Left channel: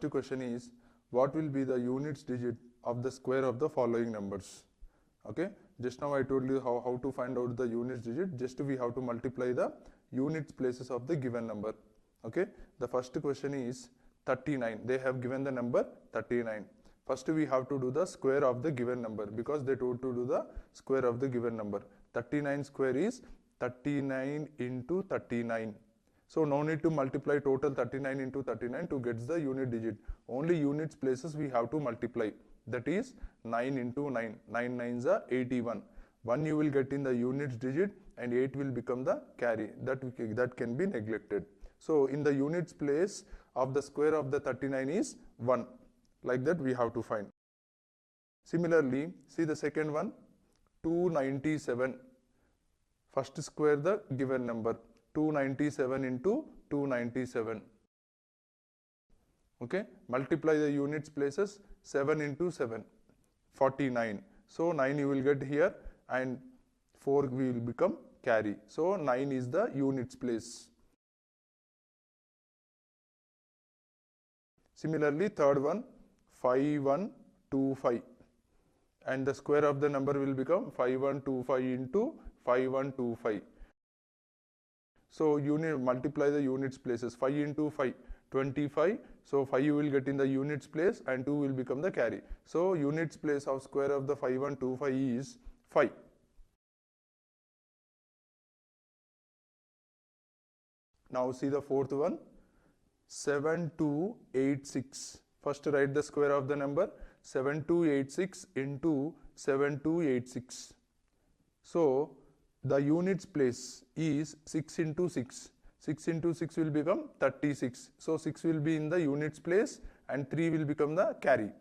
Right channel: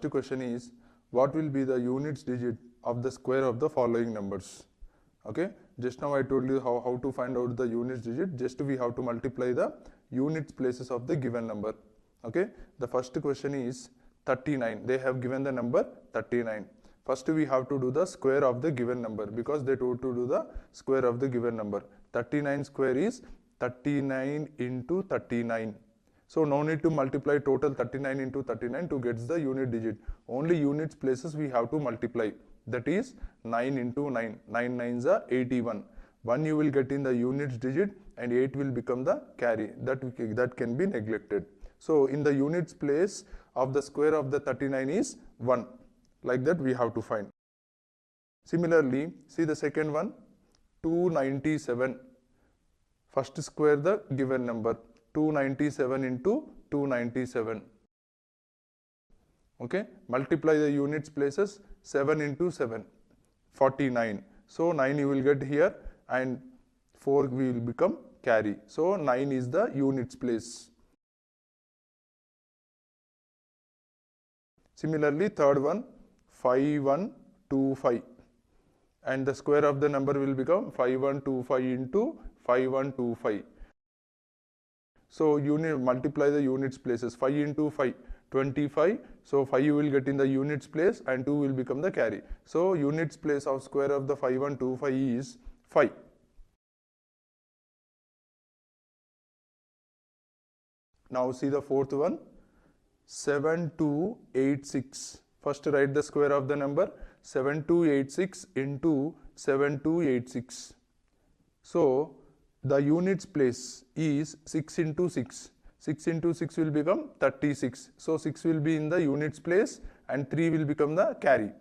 first question is, what will be the units digit of the square of the following numbers? Okay, just now I told you how to find out the units digit. Just we have to multiply the units places of the given number. Okay, the first question is 39. They have given the number 39. First we have to do the square of the given number, because they told to do the square of the given number. 39 square is 39 into 39. So no need to multiply total 39 into 39 to get the unit digit. Only units places we have to multiply. That is 9 into 9. 9 9s are 81. 1 you will get in the units digit and 8 will become the carry. That can be neglected. So in the units place of the square of the 39 is 1. Like that we have to find. Similarly, see the second one, 297. First square the given number. 297 into 297. Okay, multiply the units places. 7 into 7, 49. So 9 you will get here and 4 will become carry. So 9 is the units place. Similarly, third one, 5125, and the square of the number will become 5125 into 5125. So multiply the units places. 5 into 5, 25. So 5 you will get in the units place and 2 will become the carry. So units place of square of the 5125 is 5. Now see the fourth one, 7286. First write the square of the number. 7286 into 7286. So the units place is 6 into 6. 6 into 6 will become 36. So 6 will be in the units place and 3 will become the carry.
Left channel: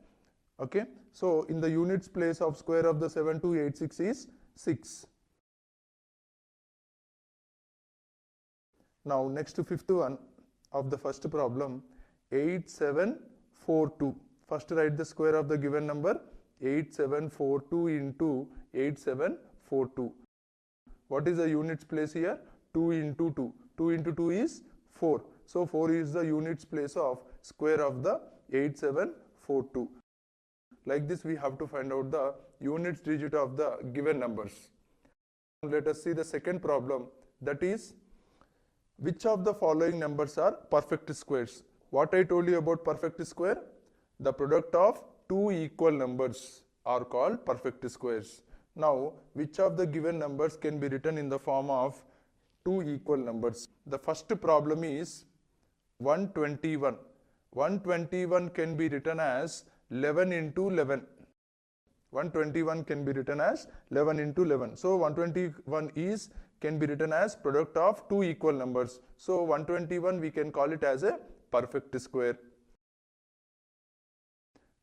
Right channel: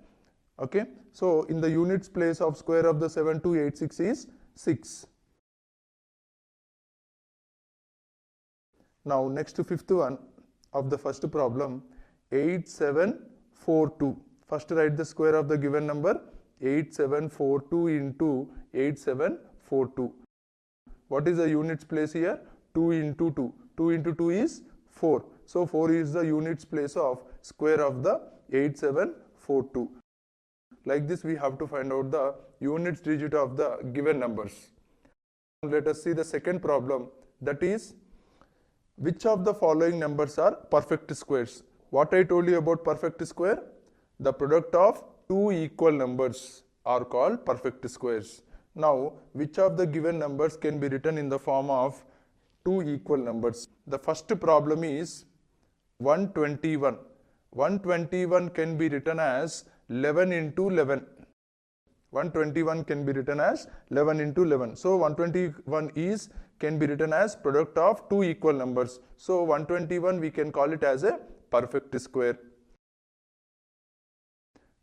Okay. So in the units place of square of the 7286 is 6. Now next fifth one of the first problem, 8742. First write the square of the given number. 8742 into 8742. What is the units place here? 2 into 2. 2 into 2 is 4. So 4 is the units place of square of the 8742. Like this we have to find out the units digit of the given numbers. Let us see the second problem, that is, which of the following numbers are perfect squares? What I told you about perfect square? The product of two equal numbers are called perfect squares. Now, which of the given numbers can be written in the form of two equal numbers? The first problem is 121. 121 can be written as 11 into 11. 121 can be written as 11 into 11. So 121 can be written as product of two equal numbers. So 121 we can call it as a perfect square.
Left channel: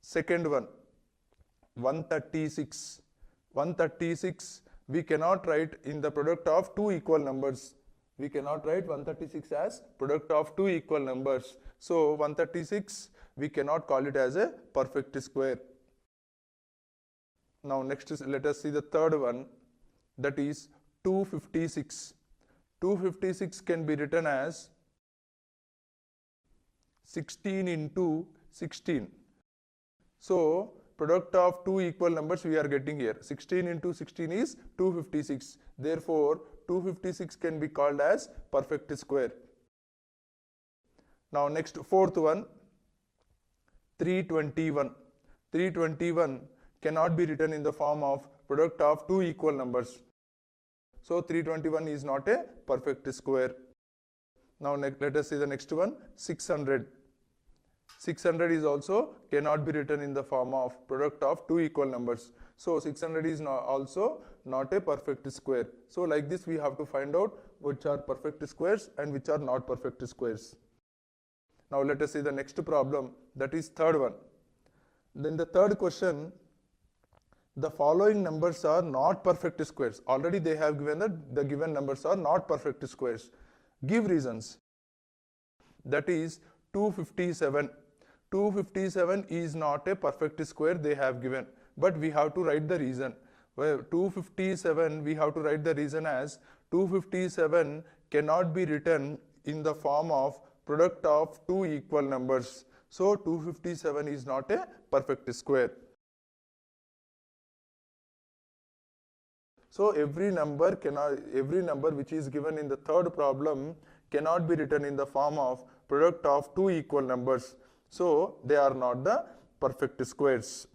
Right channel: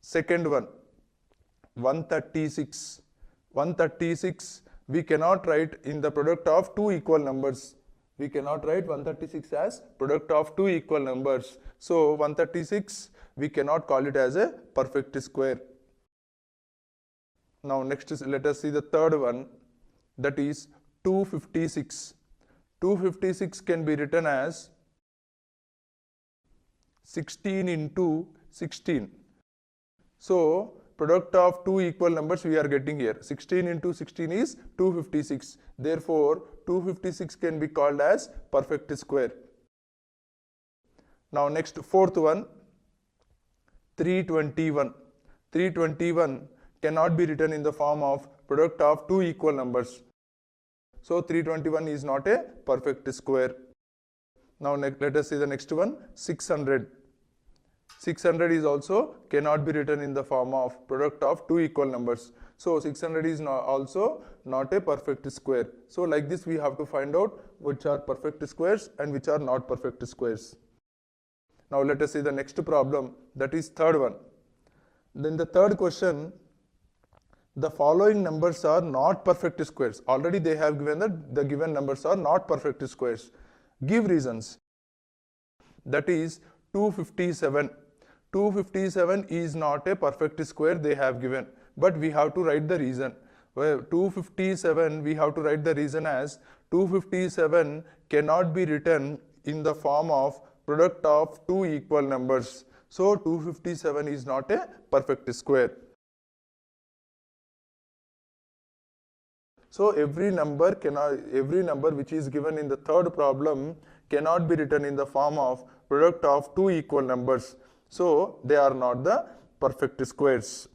Second one, 136. 136 we cannot write in the product of two equal numbers. We cannot write 136 as product of two equal numbers. So 136 we cannot call it as a perfect square. Now next is, let us see the third one, that is 256. 256 can be written as 16 into 16. So product of two equal numbers we are getting here. 16 into 16 is 256. Therefore 256 can be called as perfect square. Now next fourth one, 321. 321 cannot be written in the form of product of two equal numbers. So 321 is not a perfect square. Now let us see the next one, 600. 600 is also cannot be written in the form of product of two equal numbers. So 600 is also not a perfect square. So like this we have to find out which are perfect squares and which are not perfect squares. Now let us see the next problem, that is third one. Then the third question, the following numbers are not perfect squares. Already they have given that the given numbers are not perfect squares. Give reasons. That is 257. 257 is not a perfect square they have given, but we have to write the reason. Well, 257 we have to write the reason as 257 cannot be written in the form of product of two equal numbers. So 257 is not a perfect square. So every number which is given in the third problem cannot be written in the form of product of two equal numbers. So they are not the perfect squares.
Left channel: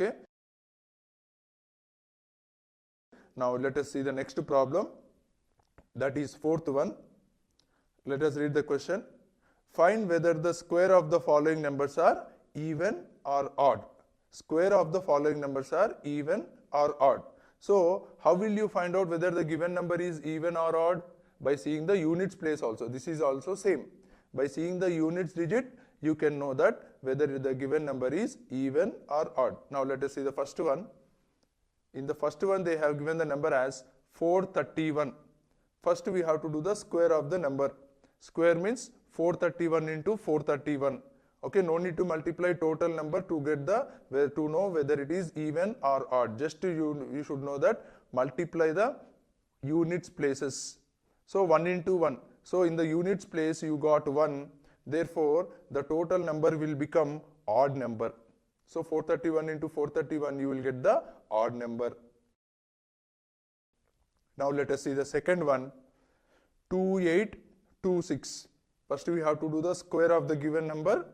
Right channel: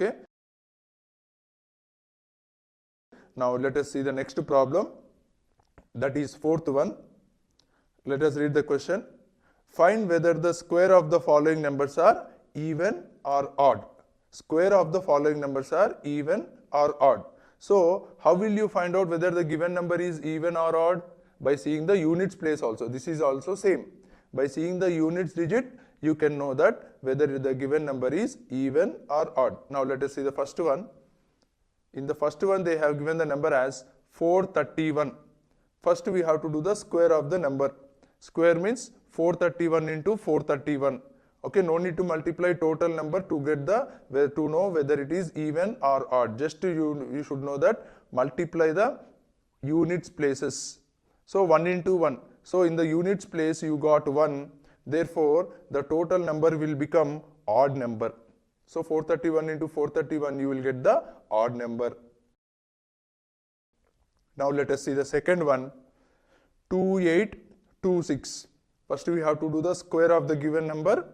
Okay. Now let us see the next problem. That is fourth one. Let us read the question. Find whether the square of the following numbers are even or odd. Square of the following numbers are even or odd. So how will you find out whether the given number is even or odd? By seeing the units place also. This is also same. By seeing the units digit, you can know that whether the given number is even or odd. Now let us see the first one. In the first one, they have given the number as 431. First we have to do the square of the number. Square means 431 into 431. Okay, no need to multiply total number to get to know whether it is even or odd. Just you should know that multiply the units places. So 1 into 1. So in the units place you got 1. Therefore the total number will become odd number. So 431 into 431 you will get the odd number. Now let us see the second one. 2826. First we have to do the square of the given number.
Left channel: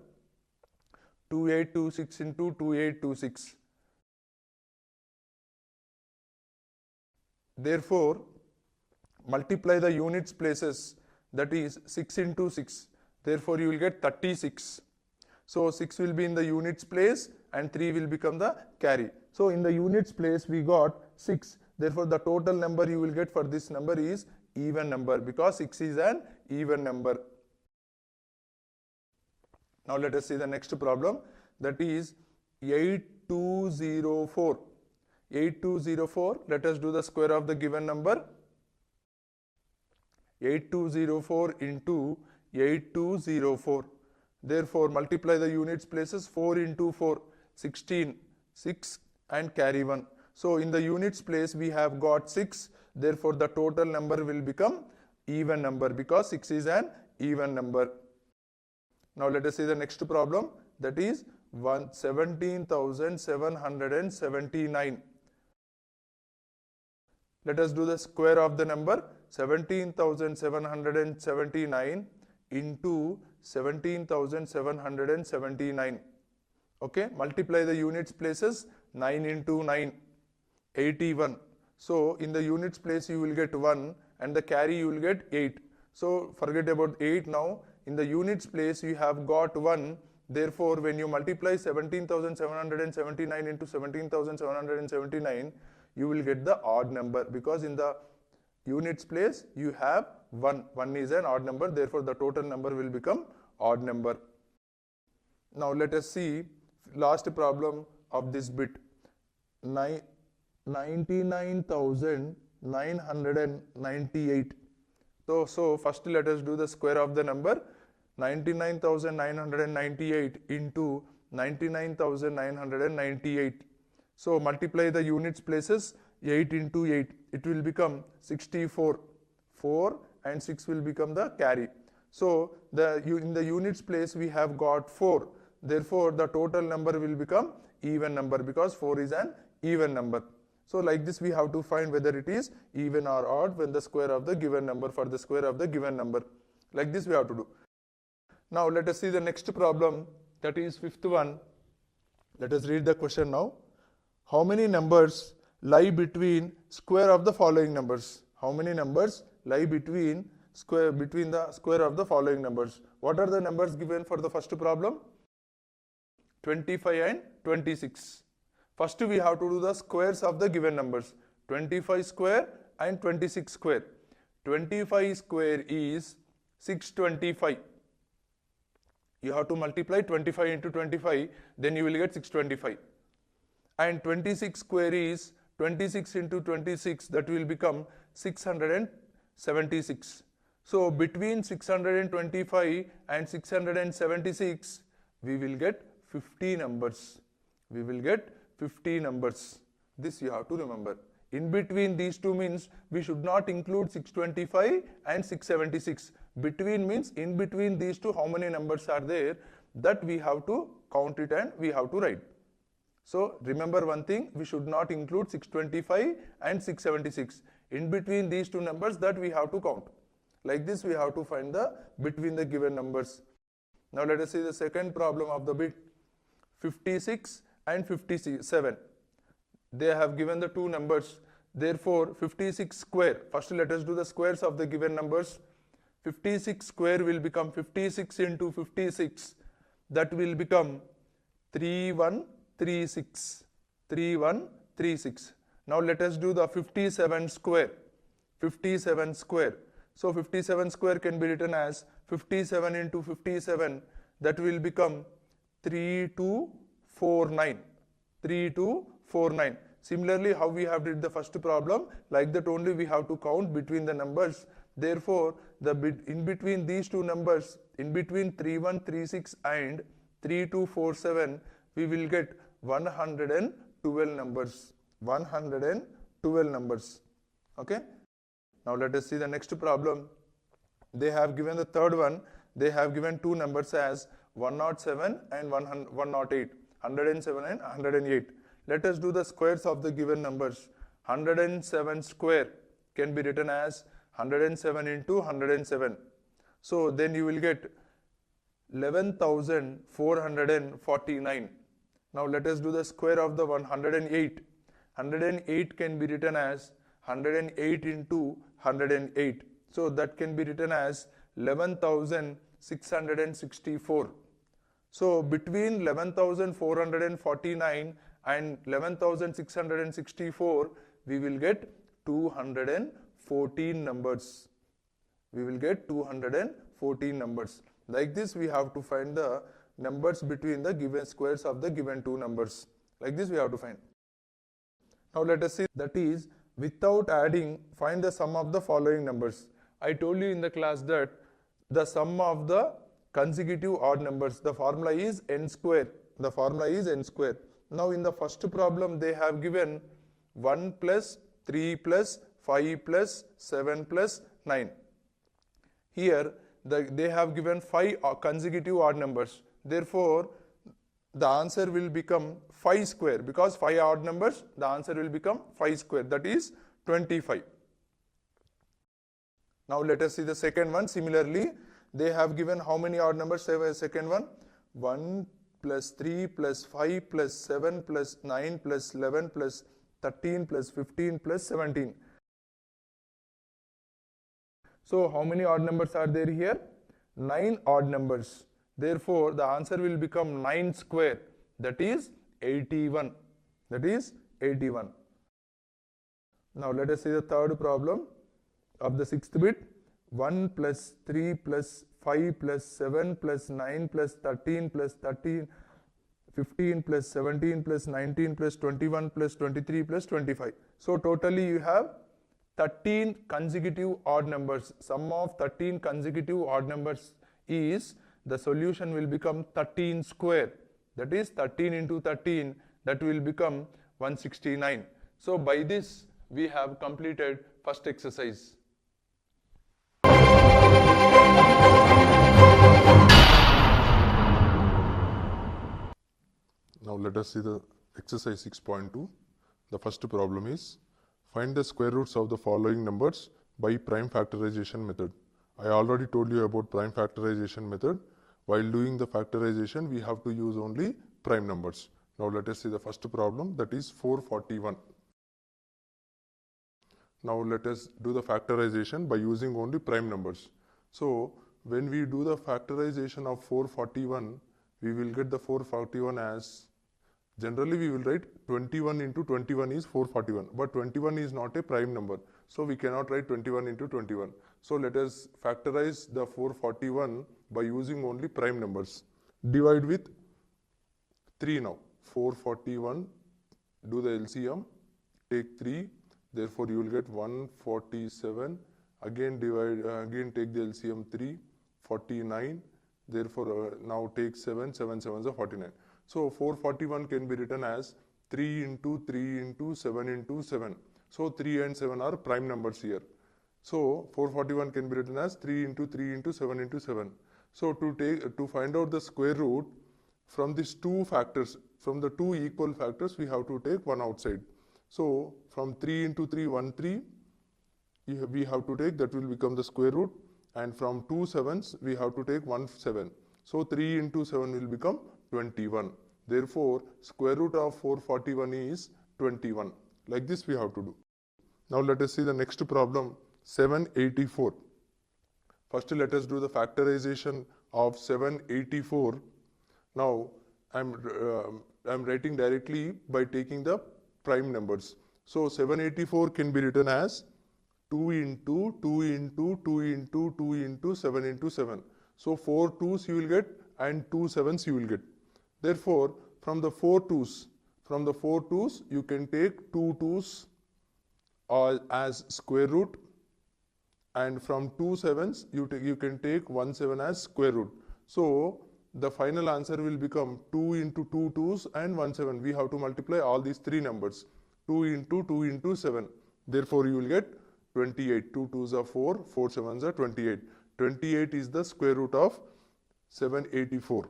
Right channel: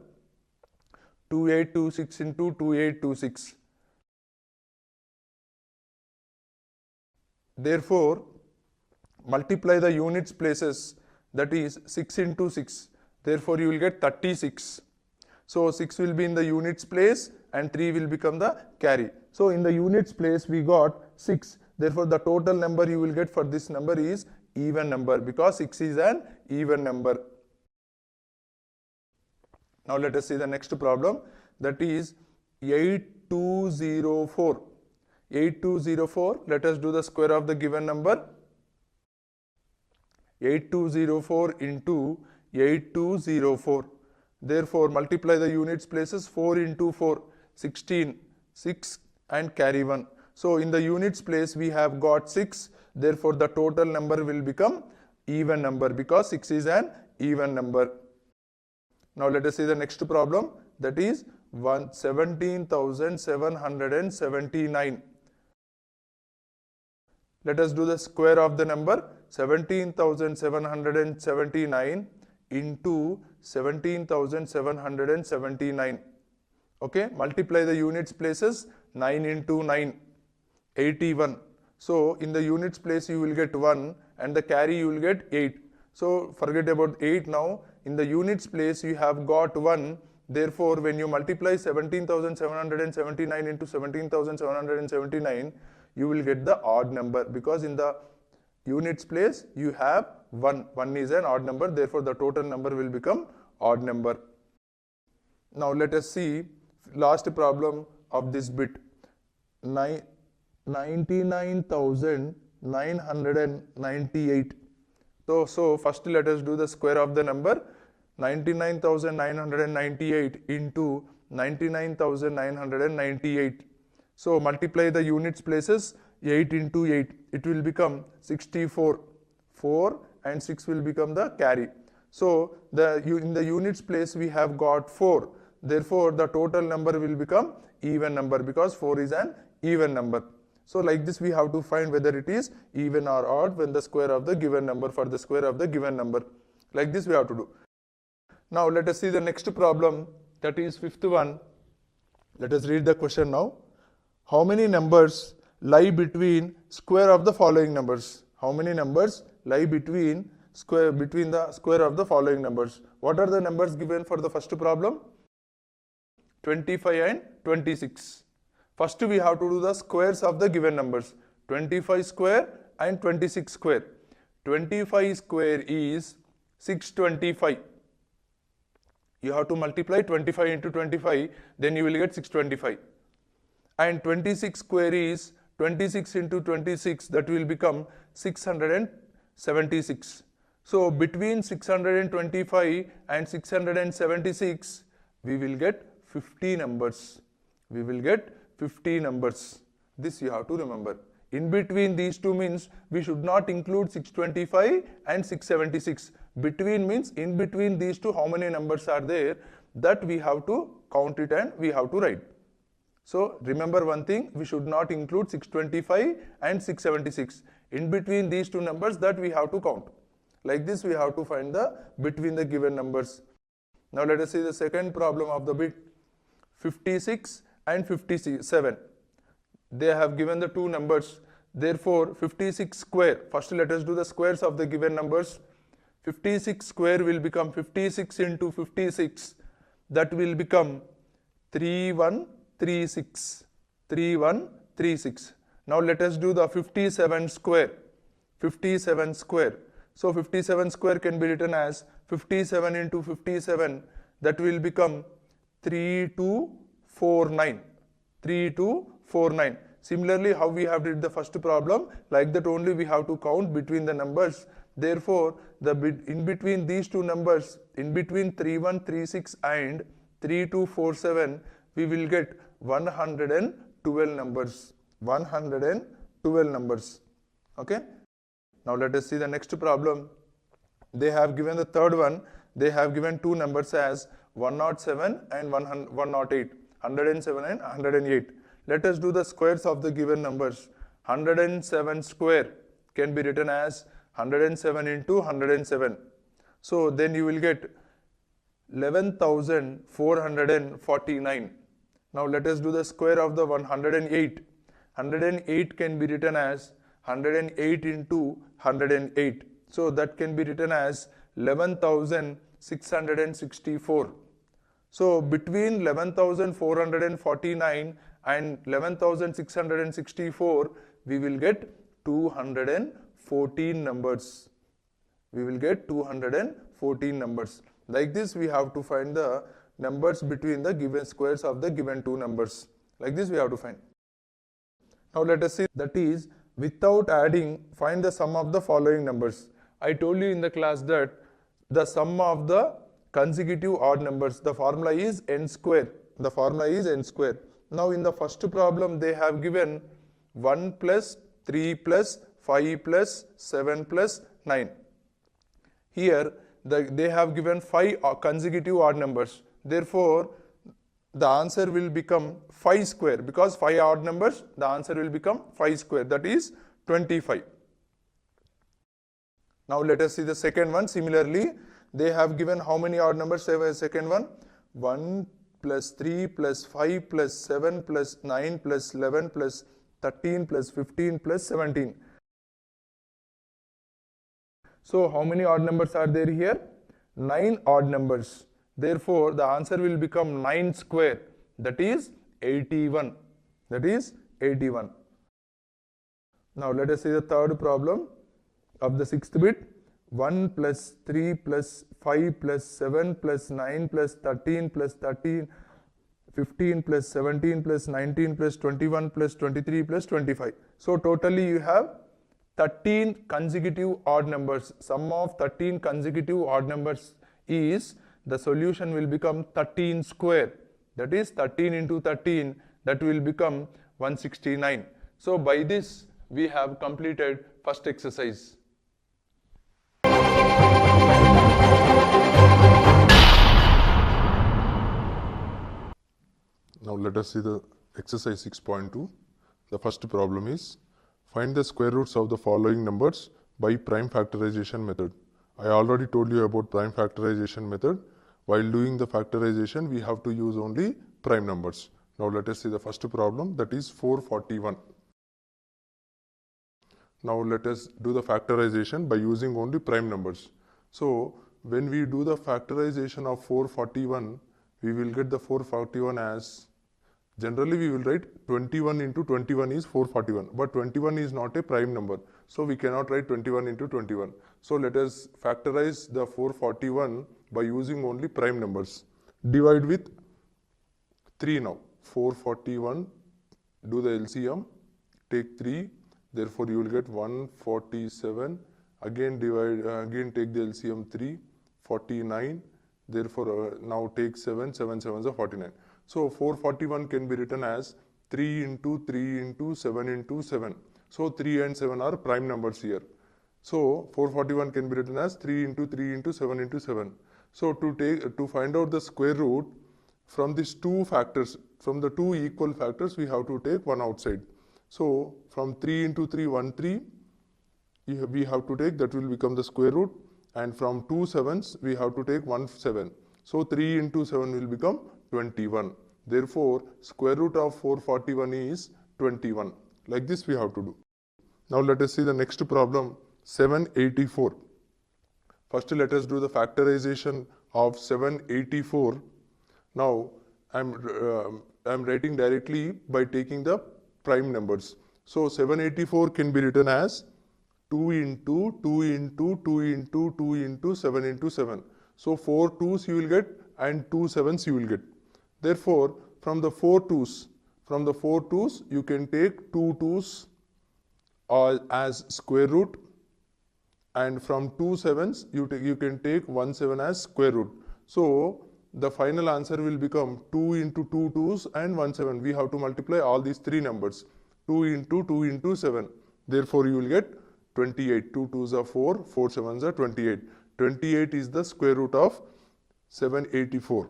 2826 into 2826. Therefore, multiply the units places, that is 6 into 6. Therefore, you will get 36. So 6 will be in the units place and 3 will become the carry. So in the units place we got 6. Therefore, the total number you will get for this number is even number, because 6 is an even number. Now let us see the next problem, that is 8204. 8204, let us do the square of the given number. 8204 into 8204. Therefore, multiply the units places. 4 into 4, 16, 6 and carry 1. So in the units place we have got 6. Therefore, the total number will become even number, because 6 is an even number. Now let us see the next problem, that is 17,779. Let us do the square of the number. 17,779 into 17,779. Okay, multiply the units places. 9 into 9, 81. So in the units place you will get 1 and the carry you will get 8. So forget about 8 now. In the units place you have got 1. Therefore, when you multiply 17,779 into 17,779, you will get the odd number, because in the units place you have 1. 1 is an odd number. Therefore, the total number will become odd number. Now let us see last problem of this bit. 99,998. So first let us do the square of the number. 99,998 into 99,998. So multiply the units places. 8 into 8, it will become 64. 4 and 6 will become the carry. So in the units place we have got 4. Therefore, the total number will become even number, because 4 is an even number. So like this we have to find whether it is even or odd when the square of the given number, for the square of the given number. Like this we have to do. Now let us see the next problem, that is fifth one. Let us read the question now. How many numbers lie between square of the following numbers? How many numbers lie between the square of the following numbers? What are the numbers given for the first problem? 25 and 26. First we have to do the squares of the given numbers. 25 square and 26 square. 25 square is 625. You have to multiply 25 into 25, then you will get 625. And 26 square is 26 into 26, that will become 676. So between 625 and 676, we will get 50 numbers. We will get 50 numbers. This you have to remember. In between these two means we should not include 625 and 676. Between means in between these two how many numbers are there? that we have to count it and we have to write. So remember one thing, we should not include 625 and 676. In between these two numbers that we have to count. Like this we have to find the between the given numbers. Now let us see the second problem of the bit. 56 and 57. They have given the two numbers. Therefore 56 square. First let us do the squares of the given numbers. 56 square will become 56 into 56. That will become 3136. 3136. Now let us do the 57 square. 57 square. So 57 square can be written as 57 into 57. That will become 3249. 3249. Similarly, how we have did the first problem, like that only we have to count between the numbers. Therefore, the in between these two numbers, in between 3136 and 3247, we will get 112 numbers. 112 numbers. Okay. Now let us see the next problem. They have given the third one. They have given two numbers as 107 and 108. 107 and 108. Let us do the squares of the given numbers. 107 square can be written as 107 into 107. So then you will get 11,449. Now let us do the square of the 108. 108 can be written as 108 into 108. So that can be written as 11,664. So between 11,449 and 11,664, we will get 214 numbers. We will get 214 numbers. Like this, we have to find the numbers between the given squares of the given two numbers. Like this, we have to find. Now let us see, that is, without adding, find the sum of the following numbers. I told you in the class that the sum of the consecutive odd numbers, the formula is n square. The formula is n square. Now in the first problem, they have given 1 plus 3 plus 5 plus 7 plus 9. Here, they have given 5 consecutive odd numbers. Therefore, the answer will become 5 square. Because 5 odd numbers, the answer will become 5 square. That is 25. Now let us see the second one. Similarly, they have given how many odd numbers? Second one, 1 plus 3 plus 5 plus 7 plus 9 plus 11 plus 13 plus 15 plus 17. So how many odd numbers are there here? 9 odd numbers. Therefore, the answer will become 9 square. That is 81. That is 81. Now let us see the third problem of the sixth bit. 1 plus 3 plus 5 plus 7 plus 9 plus 13 plus 13, 15 plus 17 plus 19 plus 21 plus 23 plus 25. So totally you have 13 consecutive odd numbers. Sum of 13 consecutive odd numbers is, the solution will become 13 square. That is 13 into 13, that will become 169. So by this we have completed first exercise. Now let us see the exercise 6.2. The first problem is, find the square roots of the following numbers by prime factorization method. I already told you about prime factorization method. While doing the factorization, we have to use only prime numbers. Now let us see the first problem, that is 441. Now let us do the factorization by using only prime numbers. So when we do the factorization of 441, we will get the 441 as, generally we will write 21 into 21 is 441, but 21 is not a prime number. So we cannot write 21 into 21. So let us factorize the 441 by using only prime numbers. Divide with 3 now. 441, do the LCM, take 3, therefore you will get 147. Again divide, again take the LCM 3, 49. Therefore now take 7, 7 7s are 49. So 441 can be written as 3 into 3 into 7 into 7. So 3 and 7 are prime numbers here. So 441 can be written as 3 into 3 into 7 into 7. So to find out the square root from these two factors, from the two equal factors, we have to take one outside. So from 3 into 3, 1, 3, we have to take, that will become the square root, and from 2 sevens we have to take 1 7. So 3 into 7 will become 21. Therefore, square root of 441 is 21. Like this we have to do. Now let us see the next problem, 784. First let us do the factorization of 784. Now I'm writing directly by taking the prime numbers. So 784 can be written as 2 into 2 into 2 into 2 into 7 into 7. So 4 2's you will get and 2 7's you will get. Therefore, from the 4 2's you can take 2 2's as square root, and from 2 7's you can take 1 7 as square root. So the final answer will become 2 into 2 2's and 1 7. We have to multiply all these three numbers. 2 into 7. Therefore, you will get 28. 2 2's are 4, 4 7's are 28. 28 is the square root of 784.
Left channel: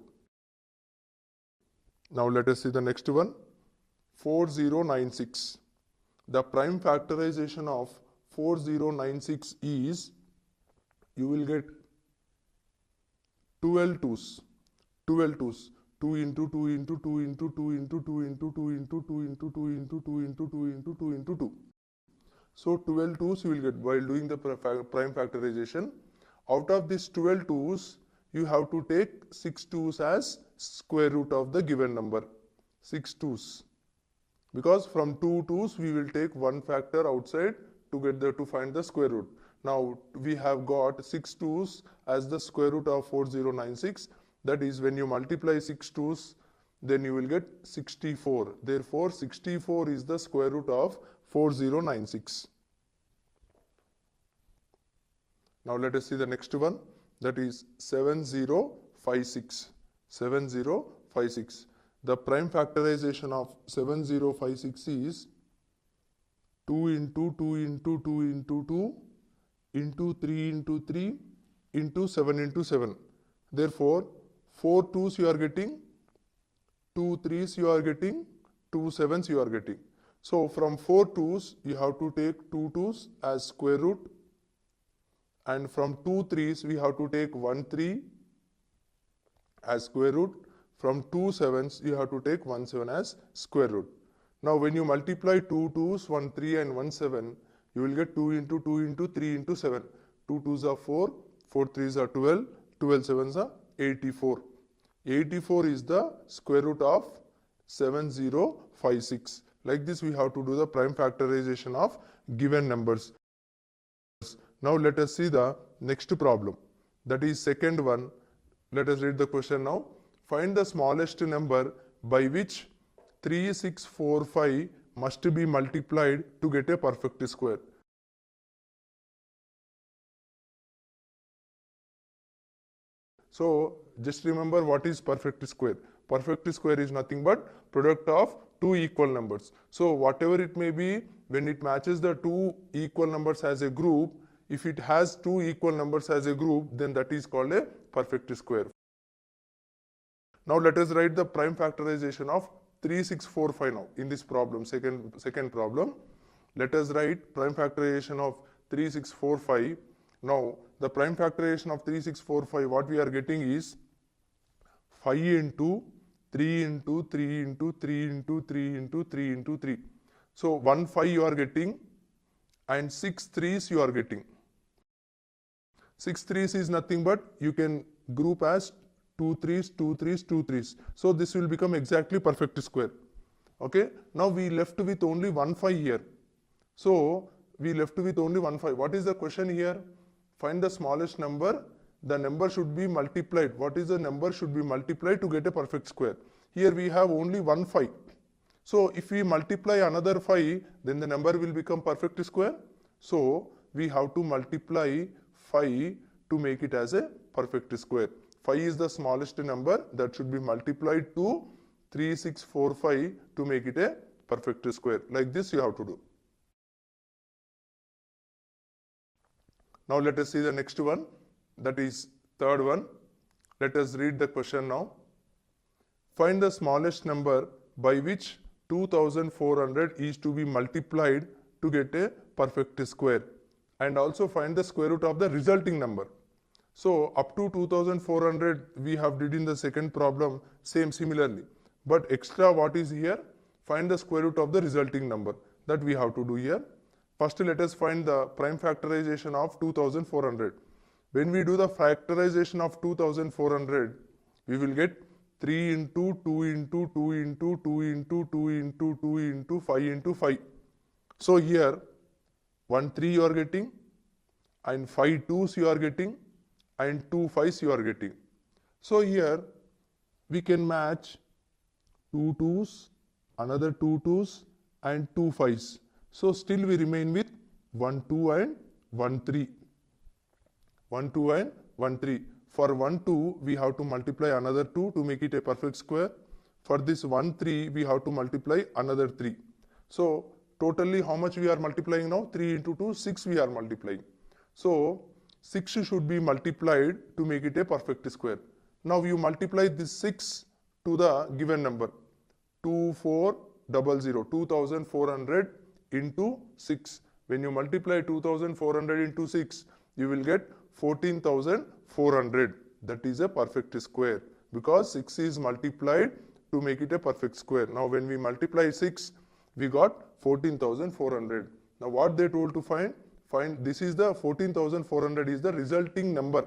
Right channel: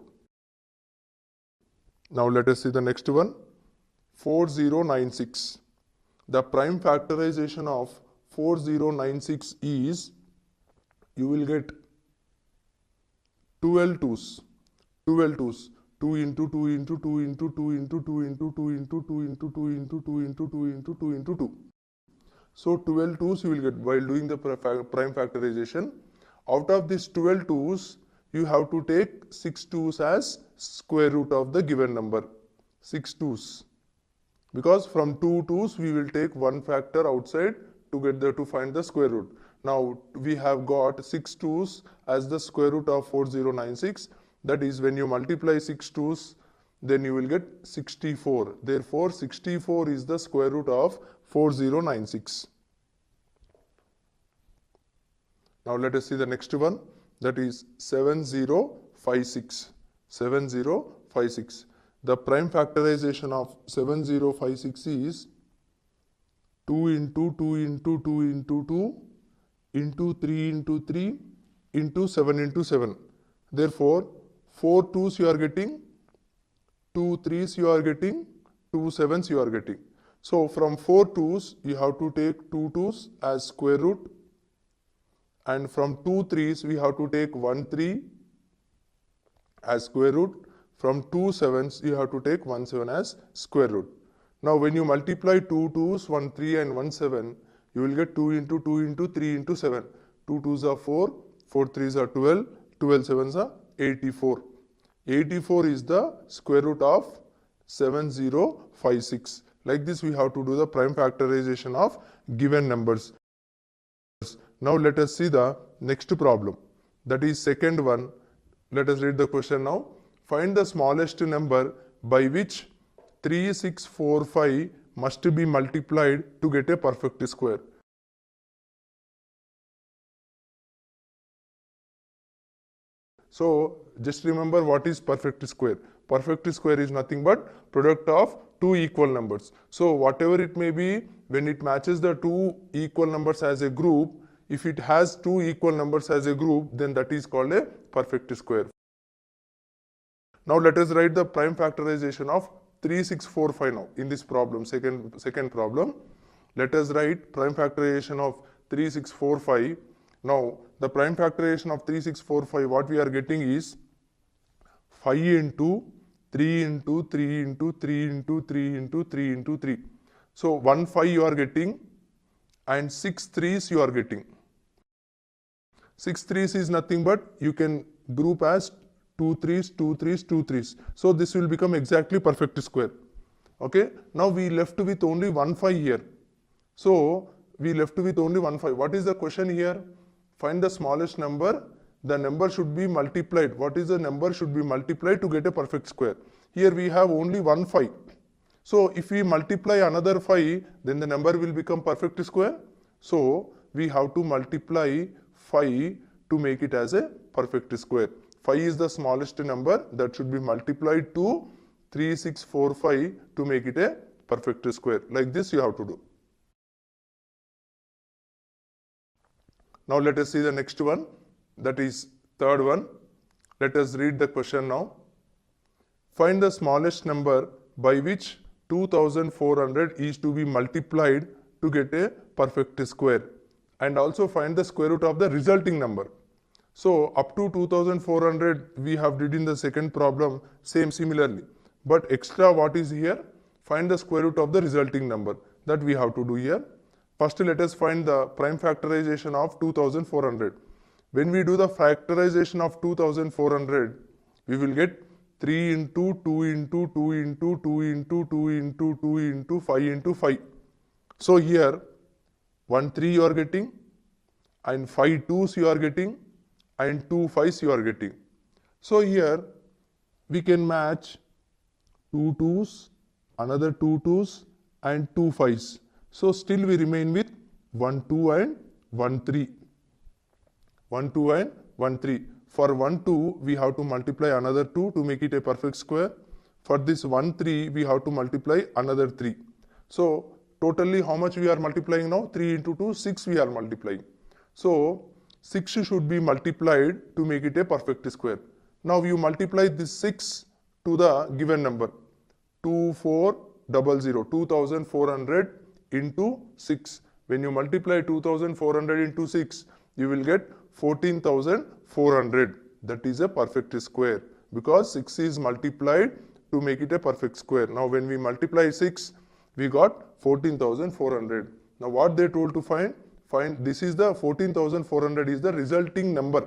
Now let us see the next one. 4096. The prime factorization of 4096 is, you will get 12 2's. 12 2's. 2 into 2 into 2 into 2 into 2 into 2 into 2 into 2 into 2 into 2 into 2 into 2. So 12 2's you will get while doing the prime factorization. Out of these 12 2's, you have to take 6 2's as square root of the given number. 6 2's. Because from 2 2's we will take one factor outside to find the square root. Now we have got 6 2's as the square root of 4096. That is, when you multiply 6 2's, then you will get 64. Therefore, 64 is the square root of 4096. Now let us see the next one, that is 7056. 7056. The prime factorization of 7056 is 2 into 2 into 2 into 2 into 3 into 3 into 7 into 7. Therefore, 4 2's you are getting, 2 3's you are getting, 2 7's you are getting. So from 4 2's you have to take 2 2's as square root, and from 2 3's we have to take 1 3 as square root. From 2 7's you have to take 1 7 as square root. Now when you multiply 2 2's, 1 3 and 1 7, you will get 2 into 2 into 3 into 7. 2 2's are 4, 4 3's are 12, 12 7's are 84. 84 is the square root of 7056. Like this we have to do the prime factorization of given numbers. Now let us see the next problem. That is second one. Let us read the question now. Find the smallest number by which 3645 must be multiplied to get a perfect square. So just remember what is perfect square. Perfect square is nothing but product of two equal numbers. So whatever it may be, when it matches the two equal numbers as a group, if it has two equal numbers as a group, then that is called a perfect square. Now let us write the prime factorization of 3645 now in this problem, second problem. Let us write prime factorization of 3645. Now the prime factorization of 3645, what we are getting is 5 into 3 into 3 into 3 into 3 into 3 into 3. So 1 5 you are getting and 6 3's you are getting. 6 3's is nothing but you can group as 2 3's, 2 3's, 2 3's. So this will become exactly perfect square. Okay. Now we left with only 1 5 here. So we left with only 1 5. What is the question here? Find the smallest number. The number should be multiplied. What is the number should be multiplied to get a perfect square? Here we have only 1 5. So if we multiply another 5, then the number will become perfect square. So we have to multiply 5 to make it as a perfect square. 5 is the smallest number that should be multiplied to 3645 to make it a perfect square. Like this you have to do. Now let us see the next one. That is third one. Let us read the question now. Find the smallest number by which 2400 is to be multiplied to get a perfect square, and also find the square root of the resulting number. So up to 2400 we have did in the second problem same similarly, but extra what is here, find the square root of the resulting number, that we have to do here. First let us find the prime factorization of 2400. When we do the factorization of 2400, we will get 3 into 2 into 2 into 2 into 2 into 2 into 5 into 5. So here 1 3 you are getting, and 5 2s you are getting, and 2 5s you are getting. So here we can match 2 2s, another 2 2s, and 2 5s. So still we remain with 1 2 and 1 3. 1 2 and 1 3. For 1 2 we have to multiply another 2 to make it a perfect square. For this 1 3 we have to multiply another 3. So totally how much we are multiplying now? 3 into 2, 6 we are multiplying. So 6 should be multiplied to make it a perfect square. Now you multiply this 6 to the given number. 2400, 2400 into 6. When you multiply 2400 into 6, you will get 14,400. That is a perfect square, because 6 is multiplied to make it a perfect square. Now when we multiply 6, we got 14,400. Now what they told to find this is the 14,400 is the resulting number.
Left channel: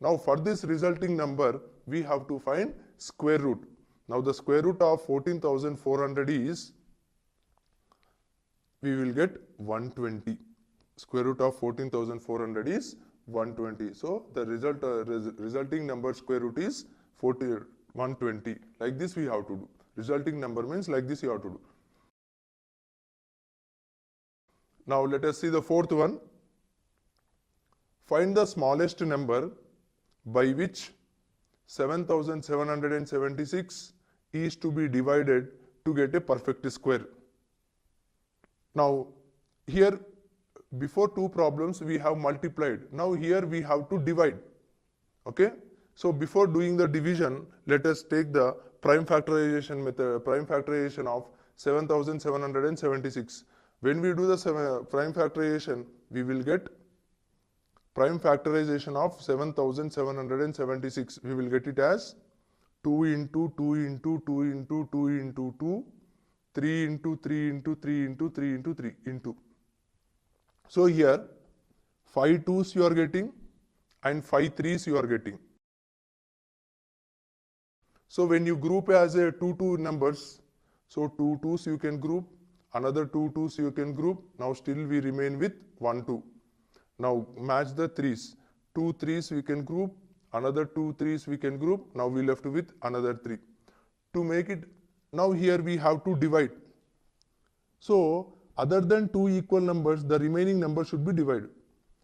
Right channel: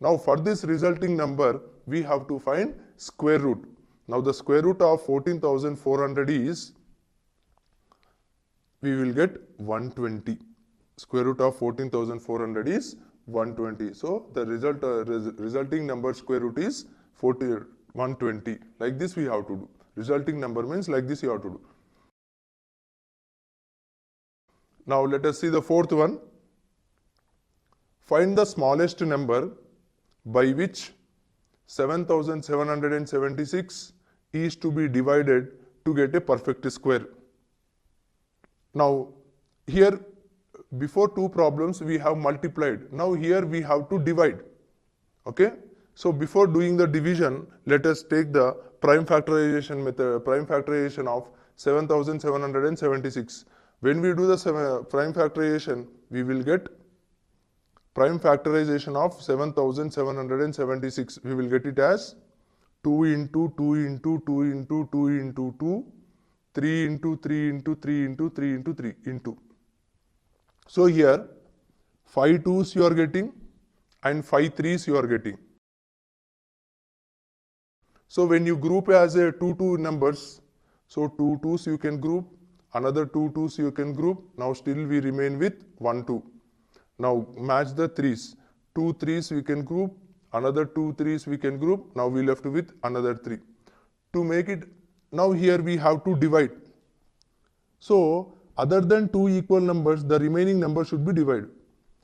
Now for this resulting number, we have to find square root. Now the square root of 14,400 is, we will get 120. Square root of 14,400 is 120. So the resulting number square root is 120. Like this we have to do. Resulting number means like this you have to do. Now let us see the fourth one. Find the smallest number by which 7,776 is to be divided to get a perfect square. Now here before two problems we have multiplied. Now here we have to divide. Okay. So before doing the division, let us take the prime factorization method, prime factorization of 7,776. When we do the prime factorization, we will get prime factorization of 7,776. We will get it as 2 into 2 into 2 into 2 into 2, 3 into 3 into 3 into 3 into 3 into. So here 5 2s you are getting and 5 3s you are getting. So when you group as a 2 numbers, so 2 2s you can group, another 2 2s you can group. Now still we remain with 1 2. Now match the 3s. 2 3s we can group, another 2 3s we can group. Now we left with another 3. To make it, now here we have to divide. So other than 2 equal numbers, the remaining number should be divided.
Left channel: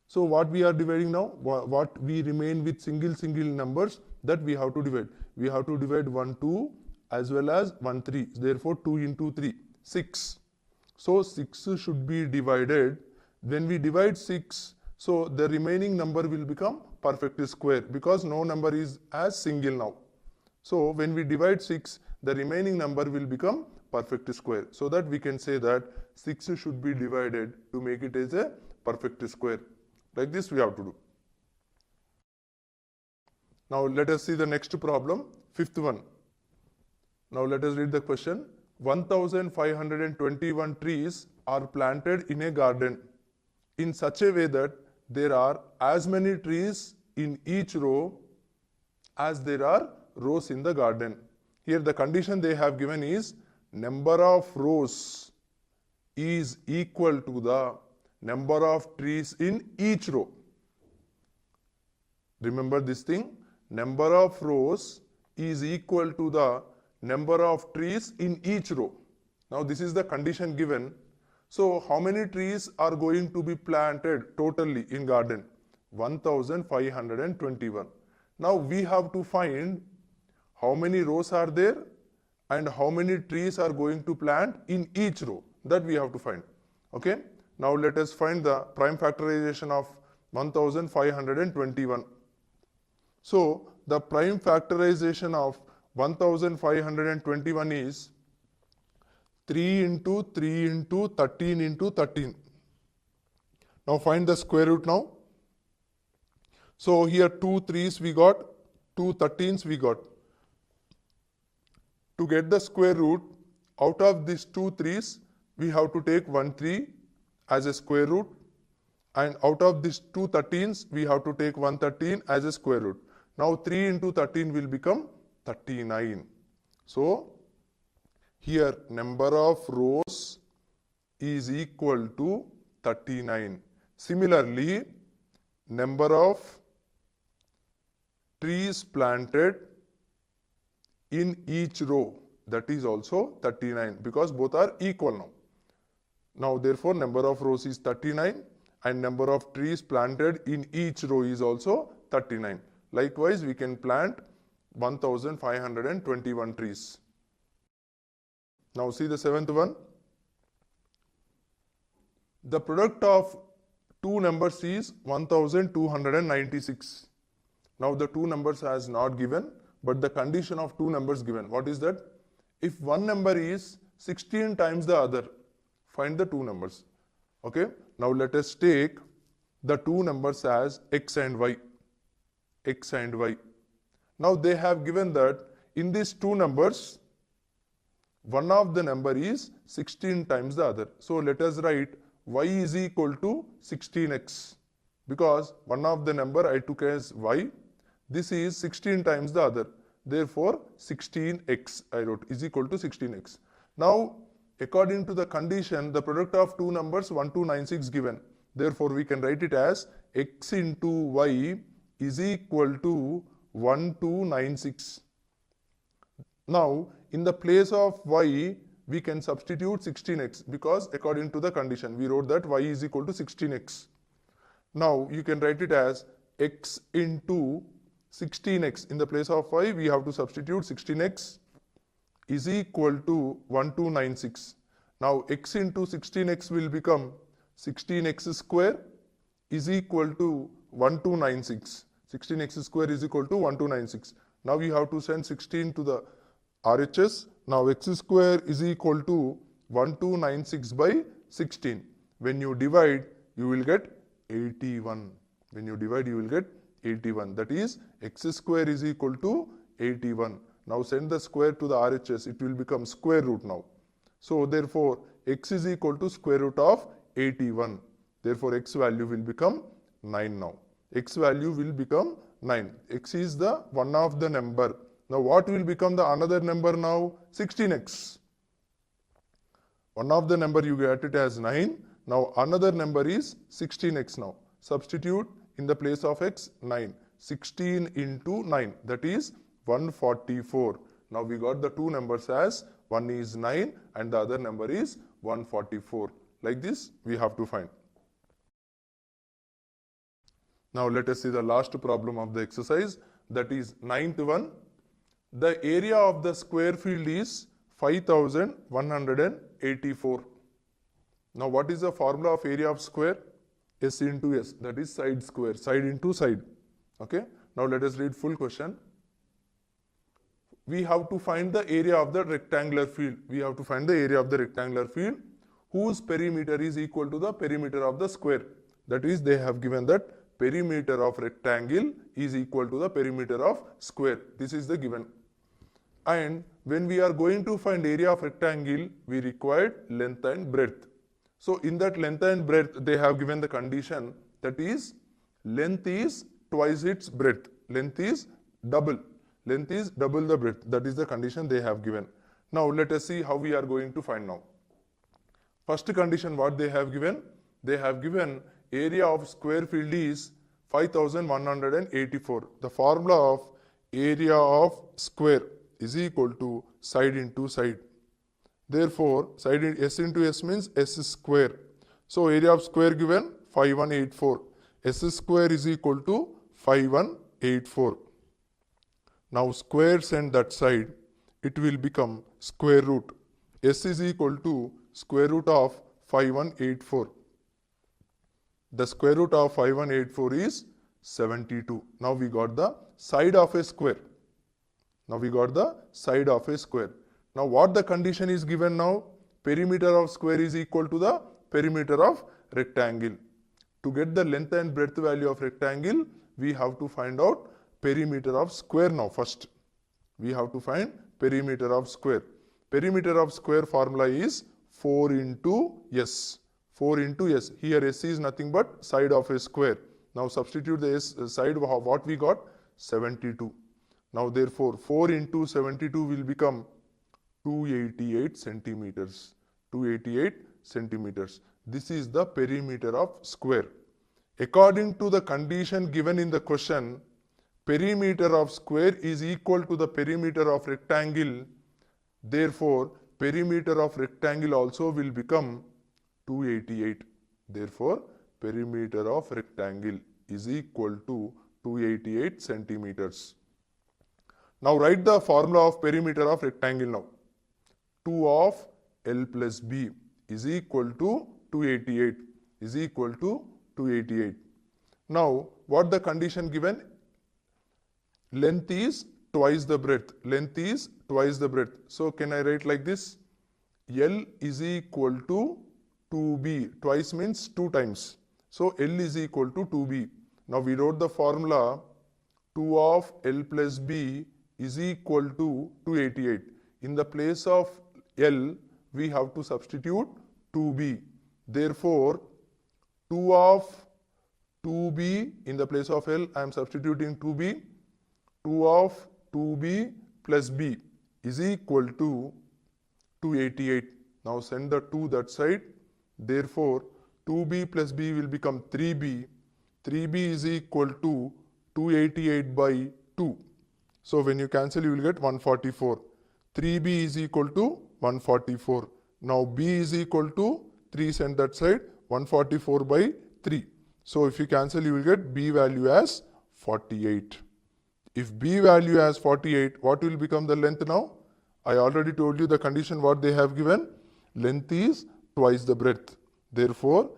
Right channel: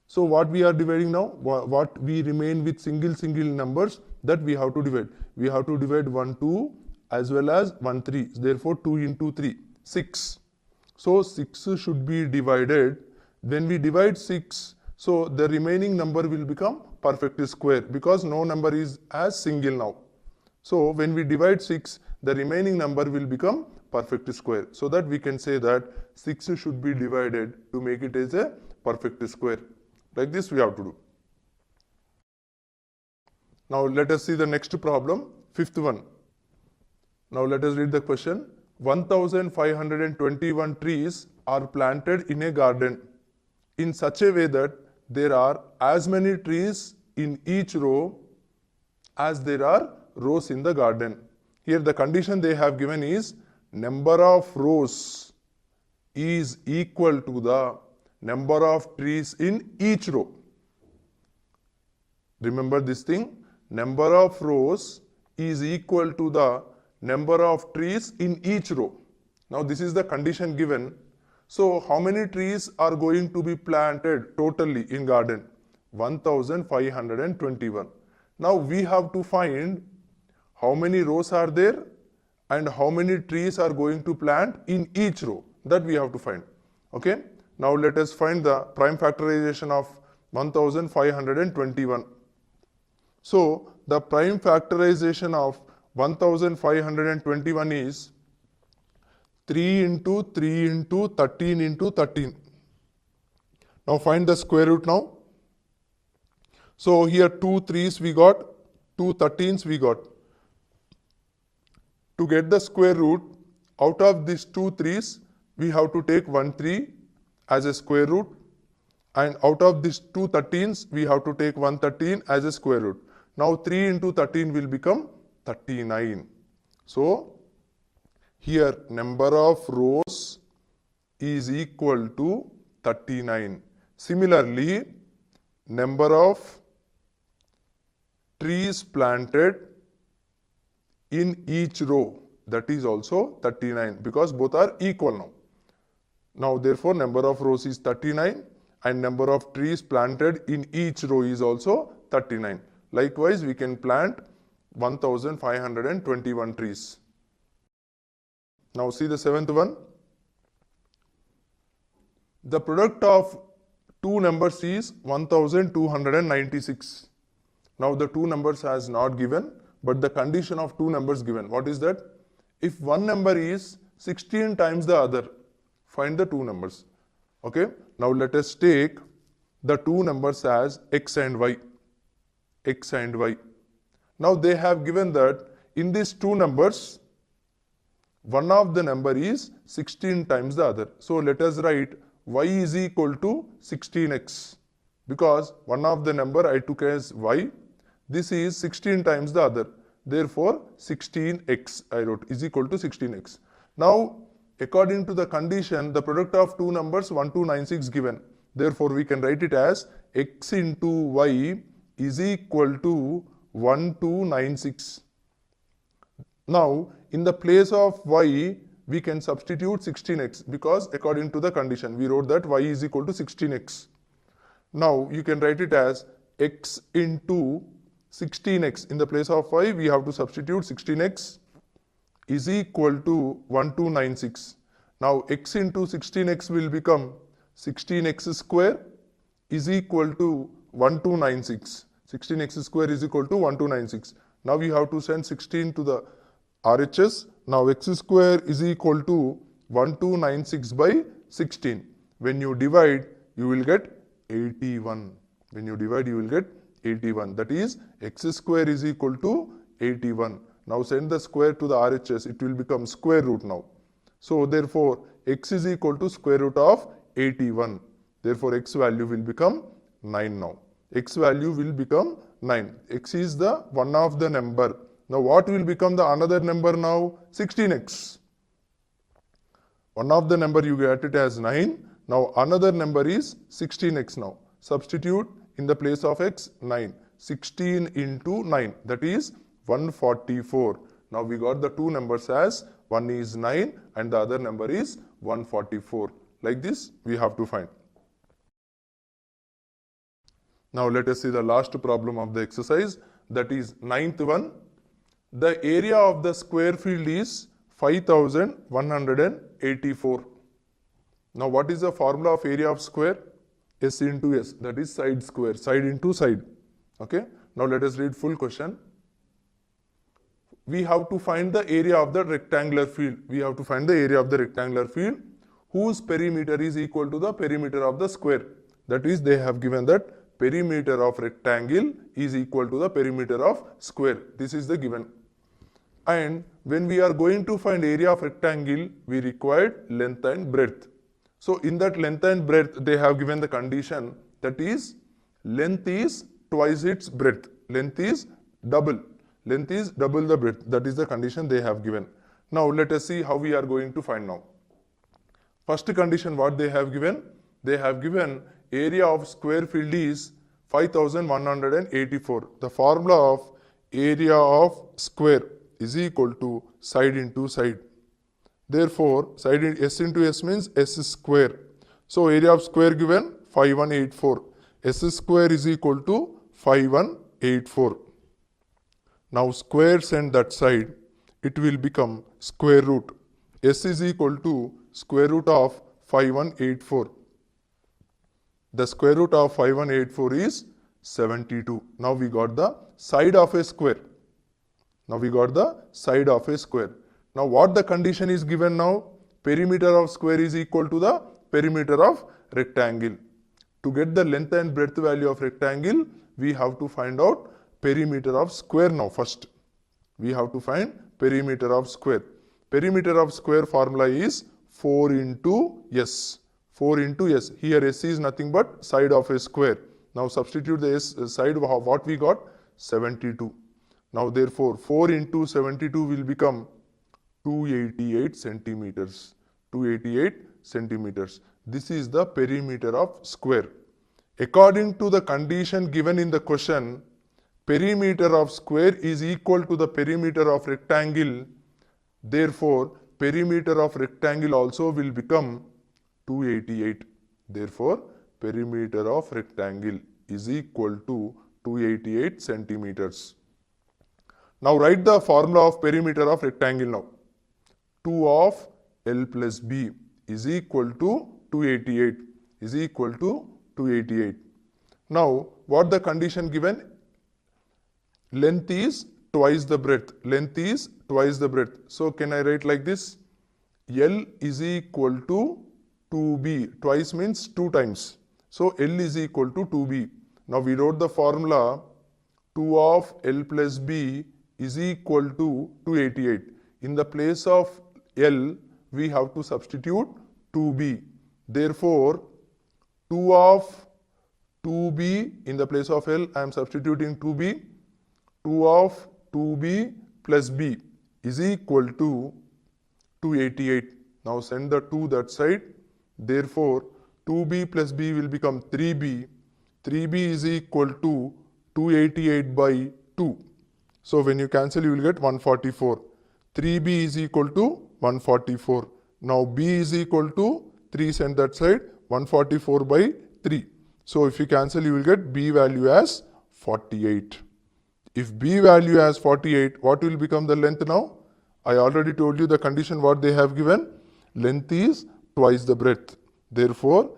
So what we are dividing now? What we remain with single numbers, that we have to divide. We have to divide 1 2 as well as 1 3. Therefore 2 into 3, 6. So 6 should be divided. When we divide 6, so the remaining number will become perfect square, because no number is as single now. So when we divide 6, the remaining number will become perfect square. So that we can say that 6 should be divided to make it as a perfect square. Like this we have to do. Now let us see the next problem, fifth one. Now let us read the question. 1,521 trees are planted in a garden in such a way that there are as many trees in each row as there are rows in the garden. Here the condition they have given is number of rows is equal to the number of trees in each row. Remember this thing, number of rows is equal to the number of trees in each row. Now this is the condition given. So how many trees are going to be planted totally in garden? 1,521. Now we have to find how many rows are there and how many trees are going to plant in each row. That we have to find. Okay. Now let us find the prime factorization of 1,521. So the prime factorization of 1521 is 3 into 3 into 13 into 13. Now find the square root now. So here 2 3's we got, 2 13's we got. To get the square root, out of these 2 3's, we have to take 1 3 as a square root. And out of these 2 13's, we have to take 1 13 as a square root. Now 3 into 13 will become 39. So here number of rows is equal to 39. Similarly, number of trees planted in each row, that is also 39, because both are equal now. Now therefore number of rows is 39 and number of trees planted in each row is also 39. Likewise, we can plant 1521 trees. Now see the seventh one. The product of two numbers is 1296. Now the two numbers has not given, but the condition of two numbers given. What is that? If one number is 16 times the other, find the two numbers. Okay. Now let us take the two numbers as x and y. X and y. Now they have given that in these two numbers, one of the number is 16 times the other. So let us write y is equal to 16x, because one of the number I took as y. This is 16 times the other. Therefore 16x I wrote is equal to 16x. Now according to the condition, the product of two numbers 1296 given. Therefore we can write it as x into y is equal to 1296. Now in the place of y, we can substitute 16x, because according to the condition we wrote that y is equal to 16x. Now you can write it as x into 16x. In the place of y, we have to substitute 16x is equal to 1296. Now x into 16x will become 16x square is equal to 1296. 16x square is equal to 1296. Now we have to send 16 to the RHS. Now x square is equal to 1296 by 16. When you divide, you will get 81. When you divide, you will get 81. That is, x square is equal to 81. Now send the square to the RHS. It will become square root now. So therefore, x is equal to square root of 81. Therefore, x value will become 9 now. X value will become 9. X is the one of the number. Now what will become the another number now? 16x. One of the number you get it as 9. Now another number is 16x now. Substitute in the place of x 9. 16 into 9, that is 144. Now we got the two numbers as one is 9 and the other number is 144. Like this we have to find. Now let us see the last problem of the exercise, that is ninth one. The area of the square field is 5184. Now what is the formula of area of square? S into S, that is side square, side into side. Okay. Now let us read full question. We have to find the area of the rectangular field. We have to find the area of the rectangular field whose perimeter is equal to the perimeter of the square. That is, they have given that perimeter of rectangle is equal to the perimeter of square. This is the given. And when we are going to find area of rectangle, we required length and breadth. So in that length and breadth, they have given the condition, that is, length is twice its breadth. Length is double. Length is double the breadth. That is the condition they have given. Now let us see how we are going to find now. First condition what they have given? They have given area of square field is 5184. The formula of area of square is equal to side into side. Therefore, side in S into S means S square. So area of square given 5184. S square is equal to 5184. Now square send that side, it will become square root. S is equal to square root of 5184. The square root of 5184 is 72. Now we got the side of a square. Now we got the side of a square. Now what the condition is given now? Perimeter of square is equal to the perimeter of rectangle. To get the length and breadth value of rectangle, we have to find out perimeter of square now first. We have to find perimeter of square. Perimeter of square formula is 4 into S. 4 into S. Here S is nothing but side of a square. Now substitute the S side, what we got? 72. Now therefore 4 into 72 will become 288 centimeters. 288 centimeters. This is the perimeter of square. According to the condition given in the question, perimeter of square is equal to the perimeter of rectangle. Therefore, perimeter of rectangle also will become 288. Therefore, perimeter of rectangle is equal to 288 centimeters. Now write the formula of perimeter of rectangle now. 2 of L plus B is equal to 288. Is equal to 288. Now, what the condition given? Length is twice the breadth. Length is twice the breadth. So, can I write like this? L is equal to 2B. Twice means 2 times. So, L is equal to 2B. Now, we wrote the formula 2 of L plus B is equal to 288. In the place of L, we have to substitute 2B. Therefore, 2 of 2B in the place of L, I am substituting 2B. 2 of 2B plus B is equal to 288. Now send the 2 that side. Therefore, 2B plus B will become 3B. 3B is equal to 288 by 2. So when you cancel, you will get 144. 3B is equal to 144. Now B is equal to 3, send that side, 144 by 3. So if you cancel, you will get B value as 48. If B value as 48, what will become the length now? I already told you the condition what they have given. Length is twice the breadth. Therefore,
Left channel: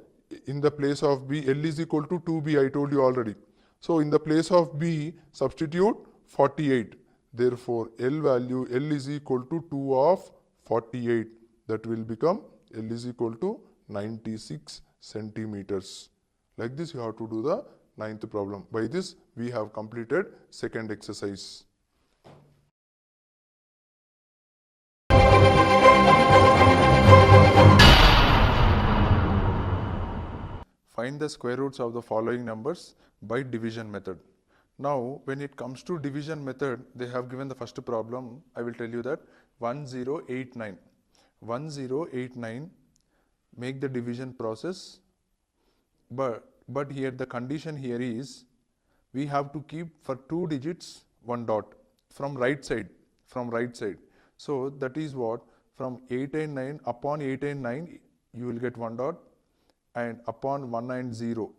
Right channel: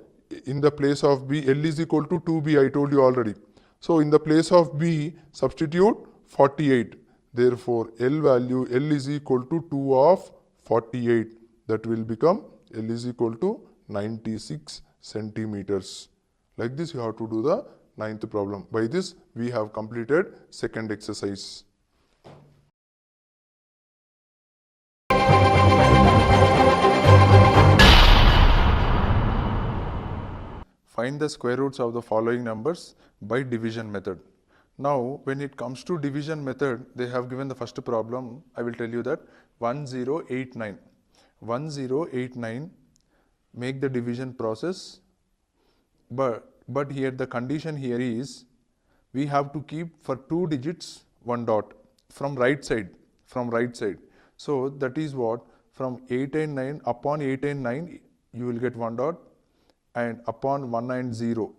in the place of B, L is equal to 2B, I told you already. So in the place of B, substitute 48. Therefore, L value, L is equal to 2 of 48. That will become L is equal to 96 centimeters. Like this, you have to do the 9th problem. By this, we have completed second exercise. Find the square roots of the following numbers by division method. Now, when it comes to division method, they have given the first problem. I will tell you that 1089. 1089, make the division process. But here the condition here is, we have to keep for 2 digits 1 dot from right side. So that is what, from 889, upon 889 you will get 1 dot, and upon 190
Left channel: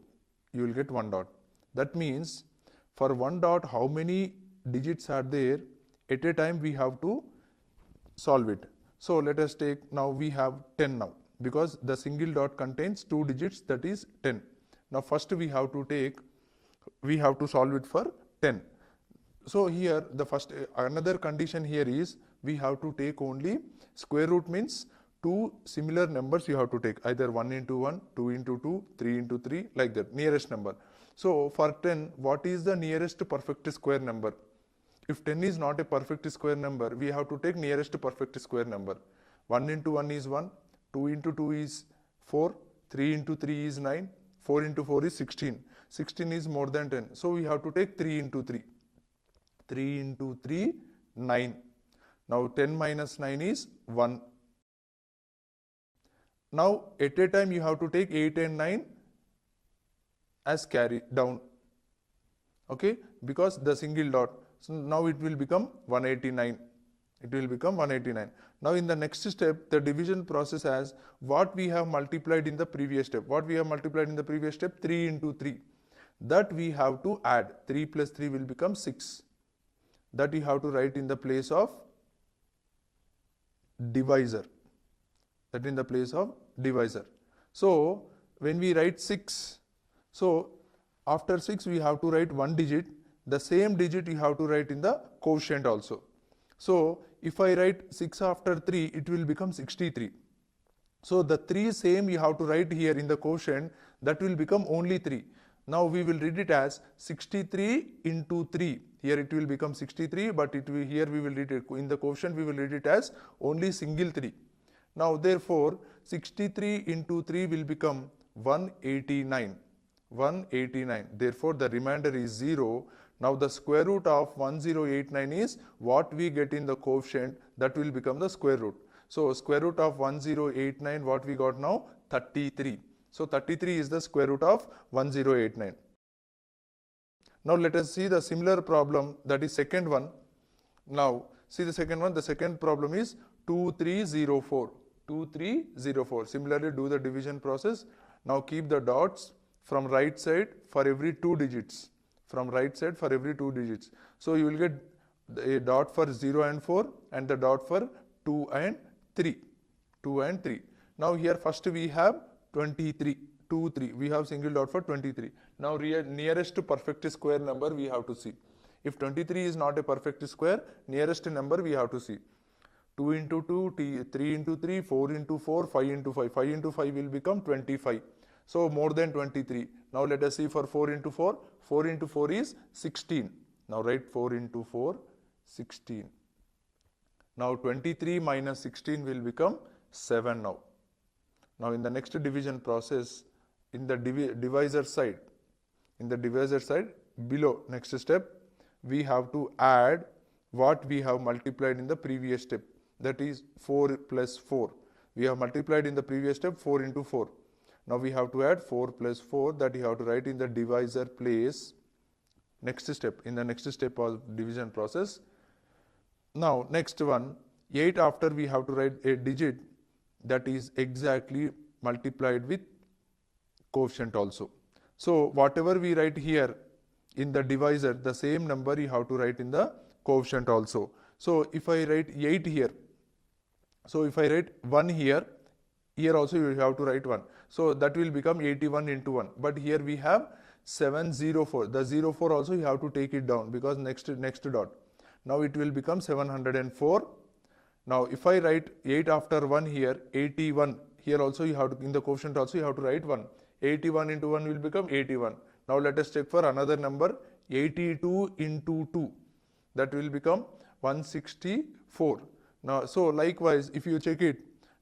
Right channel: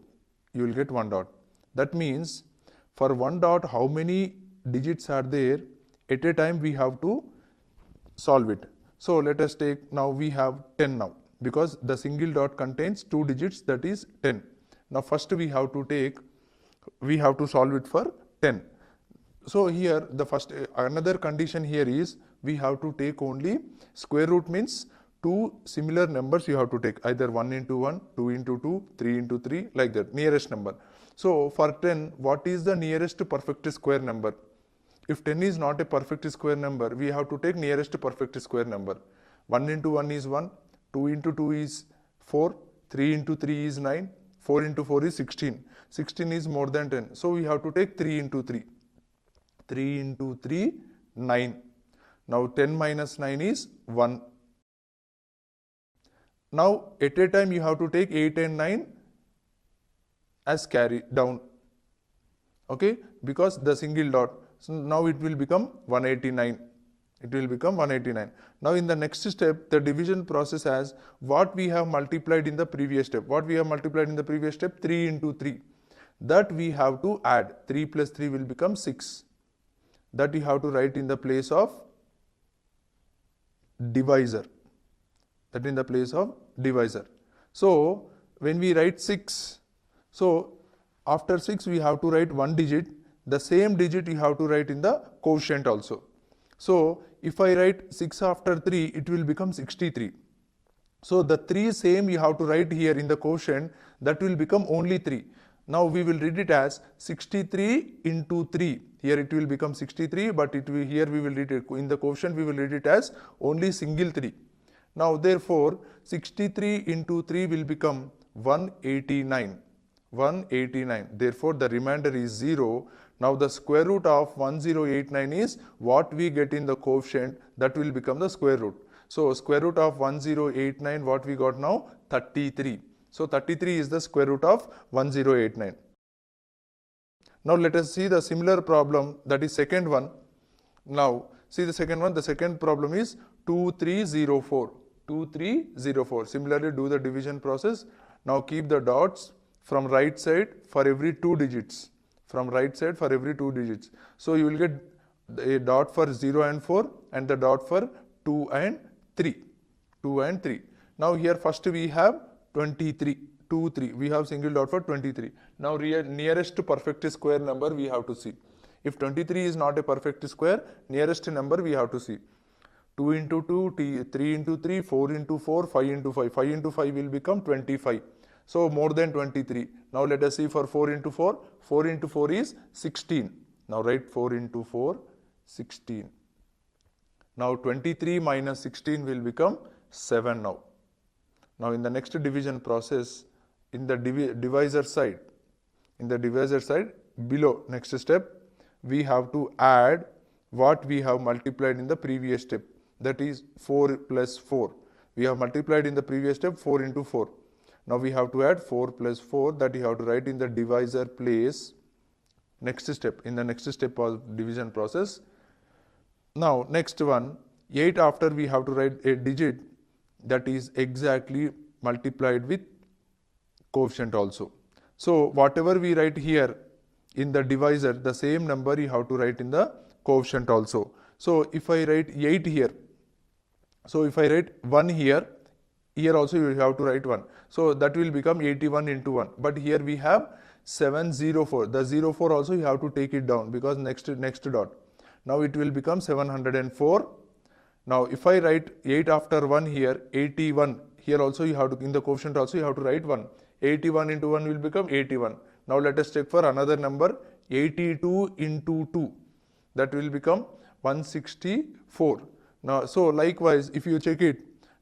you will get 1 dot. That means for 1 dot, how many digits are there? At a time we have to solve it. So let us take, now we have 10 now, because the single dot contains 2 digits, that is 10. Now first we have to solve it for 10. So here the first, another condition here is, we have to take only square root, means 2 similar numbers you have to take, either 1 into 1, 2 into 2, 3 into 3, like that, nearest number. So for 10, what is the nearest perfect square number? If 10 is not a perfect square number, we have to take nearest perfect square number. 1 into 1 is 1, 2 into 2 is 4, 3 into 3 is 9, 4 into 4 is 16. 16 is more than 10. So we have to take 3 into 3. 3 into 3, 9. Now 10 minus 9 is 1. Now at a time you have to take 8 and 9 as carry down. Okay, because the single dot. So now it will become 189. It will become 189. Now in the next step, the division process has what we have multiplied in the previous step. What we have multiplied in the previous step? 3 into 3. That we have to add. 3 plus 3 will become 6. That you have to write in the place of divisor. That in the place of divisor. So when we write 6, so after 6 we have to write one digit. The same digit you have to write in the quotient also. So if I write 6 after 3, it will become 63. So the 3 same you have to write here in the quotient, that will become only 3. Now we will read it as 63 into 3. Here it will become 63, but here we will read it in the quotient, we will read it as only single 3. Now therefore 63 into 3 will become 189. 189. Therefore the remainder is 0. Now the square root of 1089 is what we get in the quotient, that will become the square root. So square root of 1089, what we got now? 33. So 33 is the square root of 1089. Now let us see the similar problem, that is second one. Now see the second one. The second problem is 2304. 2304. Similarly do the division process. Now keep the dots from right side for every 2 digits. From right side for every 2 digits. So you will get a dot for 0 and 4 and the dot for 2 and 3. 2 and 3. Now here first we have 23. 2, 3. We have single dot for 23. Now nearest to perfect square number we have to see. If 23 is not a perfect square, nearest number we have to see. 2 into 2, 3 into 3, 4 into 4, 5 into 5. 5 into 5 will become 25. So more than 23. Now let us see for 4 into 4. 4 into 4 is 16. Now write 4 into 4, 16. Now 23 minus 16 will become 7 now. Now in the next division process, in the divisor side, below next step, we have to add what we have multiplied in the previous step. That is 4 plus 4. We have multiplied in the previous step 4 into 4. Now we have to add 4 plus 4, that you have to write in the divisor place. Next step, in the next step of division process. Now next one, 8 after we have to write a digit that is exactly multiplied with quotient also. So whatever we write here in the divisor, the same number you have to write in the quotient also. So if I write 8 here, so if I write 1 here, here also you have to write 1. So that will become 81 into 1. But here we have 704. The 04 also you have to take it down because next dot. Now it will become 704. Now if I write 8 after 1 here, 81. Here also you have to, in the quotient also you have to write 1. 81 into 1 will become 81. Now let us check for another number, 82 into 2. That will become 164. Now so likewise if you check it,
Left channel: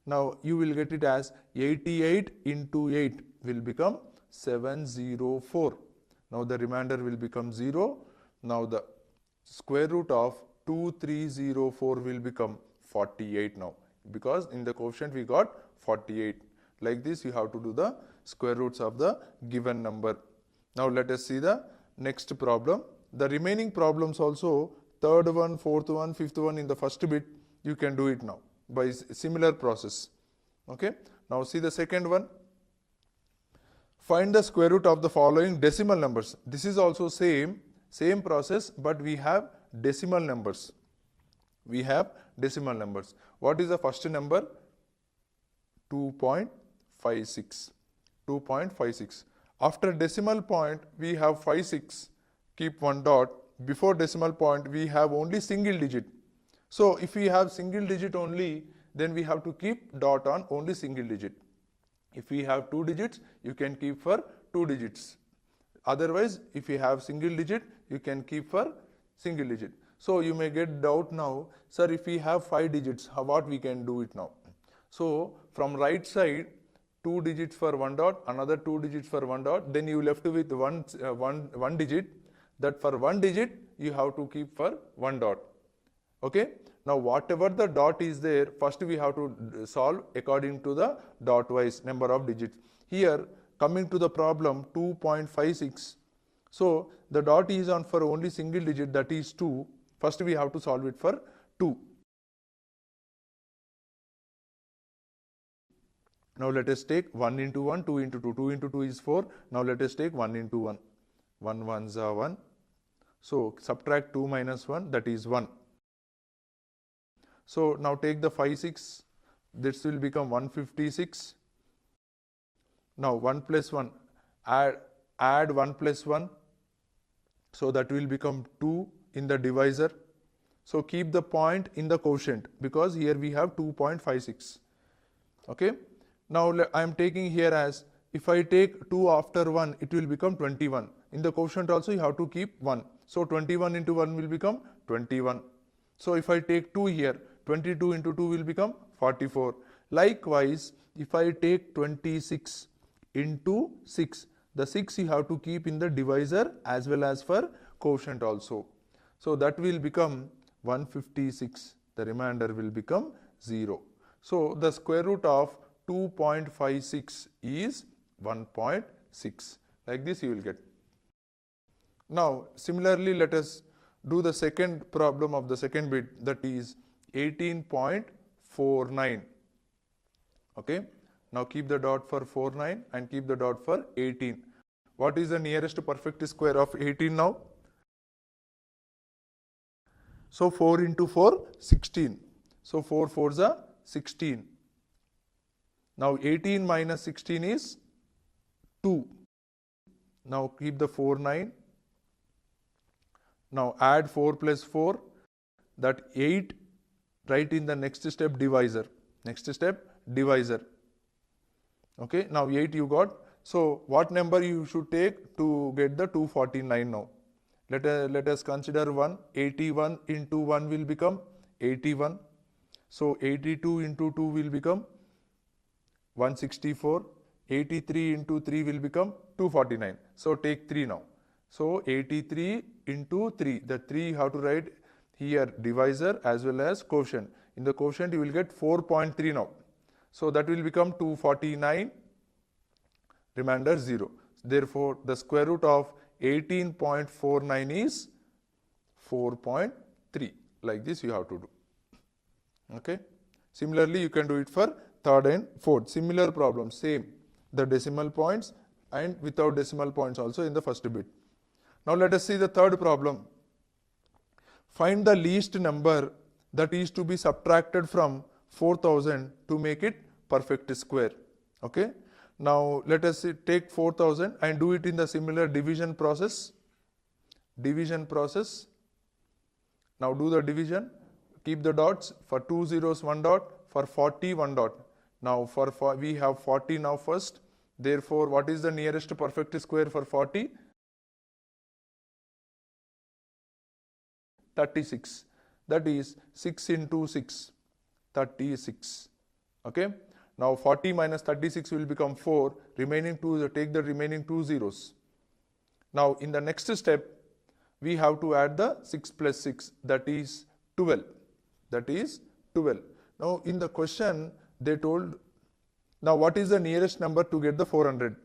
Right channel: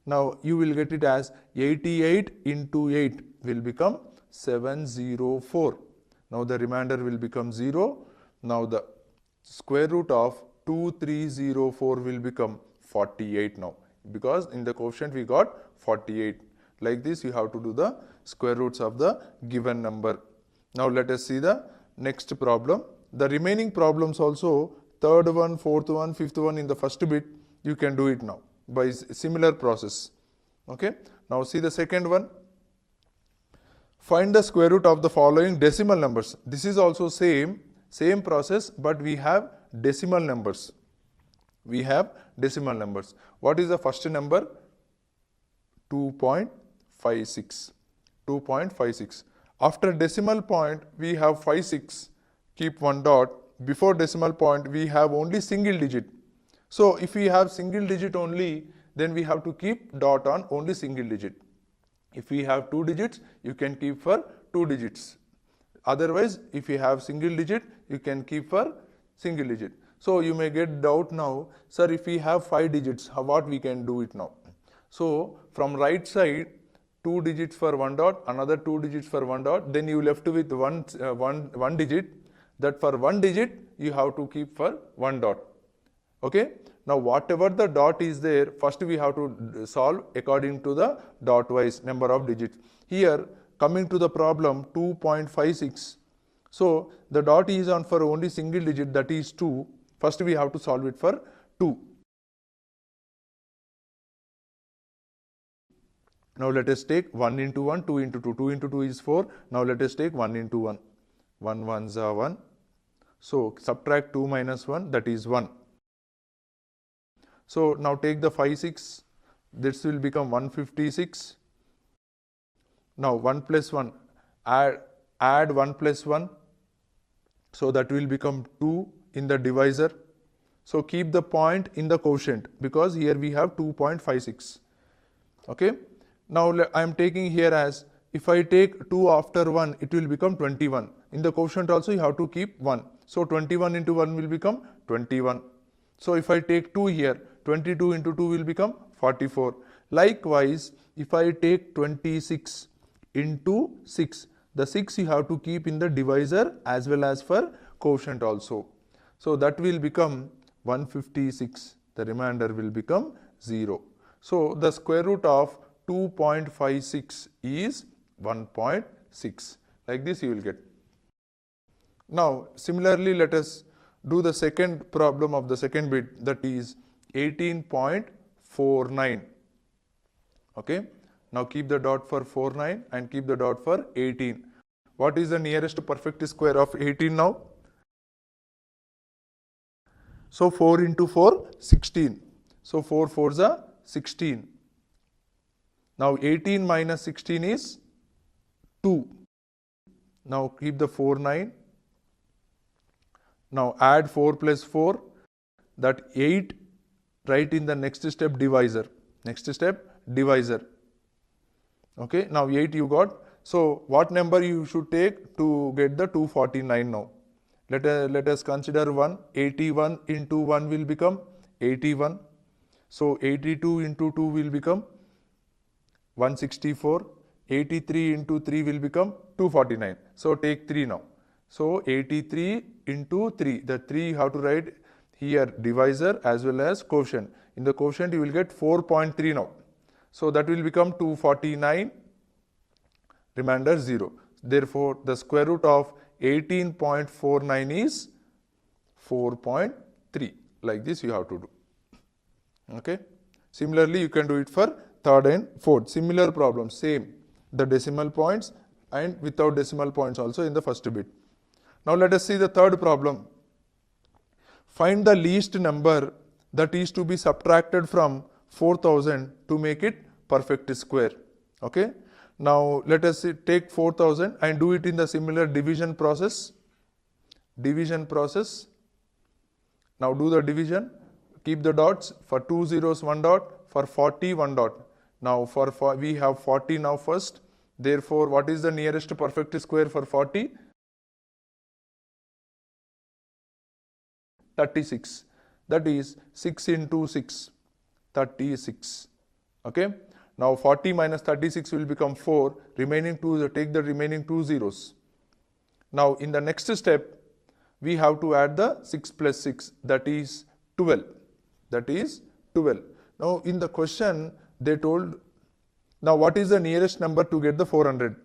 now you will get it as 88 into 8 will become 704. Now the remainder will become 0. Now the square root of 2304 will become 48 now, because in the quotient we got 48. Like this you have to do the square roots of the given number. Now let us see the next problem. The remaining problems also, third one, fourth one, fifth one in the first bit, you can do it now by similar process. Okay. Now see the second one. Find the square root of the following decimal numbers. This is also same process, but we have decimal numbers. We have decimal numbers. What is the first number? 2.56. 2.56. After decimal point, we have 56. Keep one dot. Before decimal point, we have only single digit. So if we have single digit only, then we have to keep dot on only single digit. If we have 2 digits, you can keep for 2 digits. Otherwise, if you have single digit, you can keep for single digit. So you may get doubt now, sir, if we have 5 digits, what we can do it now? So from right side, 2 digits for 1 dot, another 2 digits for 1 dot, then you left with one digit. That for 1 digit, you have to keep for 1 dot. Okay. Now whatever the dot is there, first we have to solve according to the dot wise number of digits. Here coming to the problem 2.56. So the dot is on for only single digit, that is 2. First we have to solve it for 2. Now let us take 1 into 1, 2 into 2. 2 into 2 is 4. Now let us take 1 into 1. 1 ones are 1. So subtract 2 minus 1, that is 1. So now take the 5, 6. This will become 156. Now 1 plus 1. Add add 1 plus 1. So that will become 2 in the divisor. So keep the point in the quotient because here we have 2.56. Okay. Now I am taking here as, if I take 2 after 1, it will become 21. In the quotient also you have to keep 1. So 21 into 1 will become 21. So if I take 2 here, 22 into 2 will become 44. Likewise, if I take 26 into 6, the 6 you have to keep in the divisor as well as for quotient also. So that will become 156. The remainder will become 0. So the square root of 2.56 is 1.6. Like this you will get. Now similarly, let us do the second problem of the second bit, that is 18.49. Okay. Now keep the dot for 49 and keep the dot for 18. What is the nearest perfect square of 18 now? So 4 into 4, 16. So 4 4s are 16. Now 18 minus 16 is 2. Now keep the 4 9. Now add 4 plus 4, that 8, write in the next step divisor. Next step divisor. Okay, now 8 you got. So what number you should take to get the 249 now? Let us consider 1. 81 into 1 will become 81. So 82 into 2 will become 164. 83 into 3 will become 249. So take 3 now. So 83 into 3. The 3 you have to write here divisor as well as quotient. In the quotient you will get 4.3 now. So that will become 249. Remainder 0. Therefore, the square root of 18.49 is 4.3. Like this you have to do. Okay. Similarly, you can do it for third and fourth. Similar problem, same. The decimal points and without decimal points also in the first bit. Now let us see the third problem. Find the least number that is to be subtracted from 4000 to make it perfect square. Okay. Now let us take 4000 and do it in the similar division process. Division process. Now do the division. Keep the dots. For 2 zeros 1 dot. For 40 1 dot. Now for we have 40 now first. Therefore, what is the nearest perfect square for 40? 36. That is 6 into 6. 36. Okay. Now 40 minus 36 will become 4. Remaining 2, take the remaining 2 zeros. Now in the next step, we have to add the 6 plus 6. That is 12. That is 12. Now in the question, they told, now what is the nearest number to get the 400?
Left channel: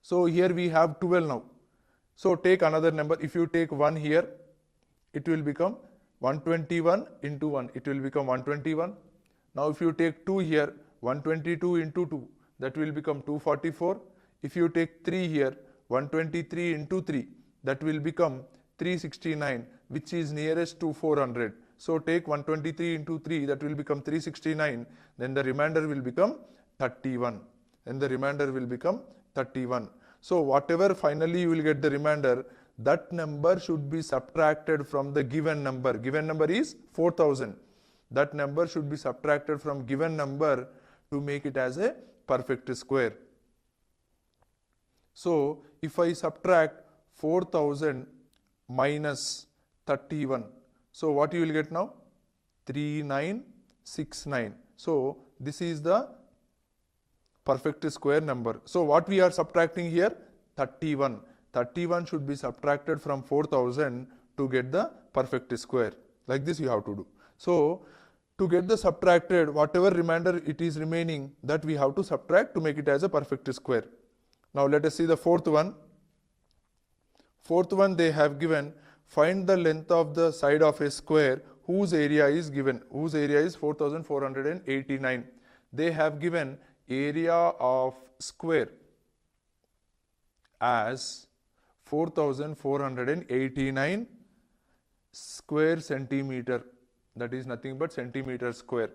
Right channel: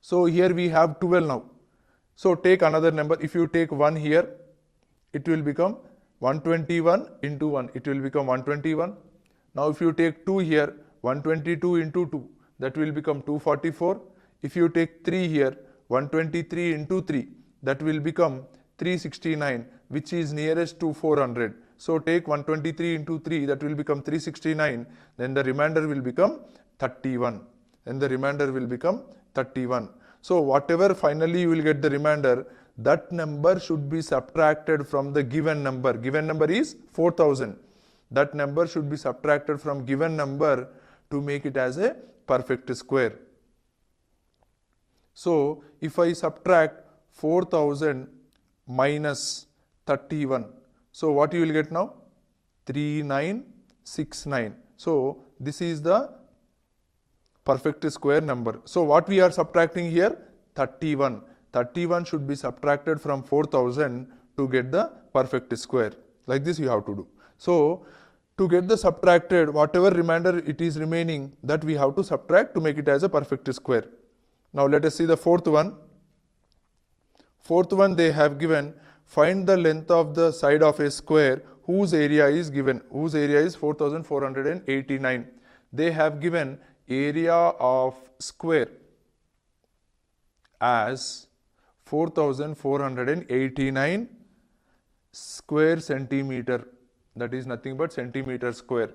So here we have 12 now. So take another number. If you take 1 here, it will become 121 into 1. It will become 121. Now if you take 2 here, 122 into 2, that will become 244. If you take 3 here, 123 into 3, that will become 369, which is nearest to 400. So take 123 into 3, that will become 369. Then the remainder will become 31. Then the remainder will become 31. So whatever finally you will get the remainder, that number should be subtracted from the given number. Given number is 4000. That number should be subtracted from given number to make it as a perfect square. So if I subtract 4000 minus 31, so what you will get now? 3969. So this is the perfect square number. So what we are subtracting here? 31. 31 should be subtracted from 4000 to get the perfect square. Like this you have to do. So to get the subtracted, whatever remainder it is remaining, that we have to subtract to make it as a perfect square. Now let us see the fourth one. Fourth one, they have given, find the length of the side of a square whose area is given. Whose area is 4489. They have given area of square as 4489 square centimeter. That is nothing but centimeter square.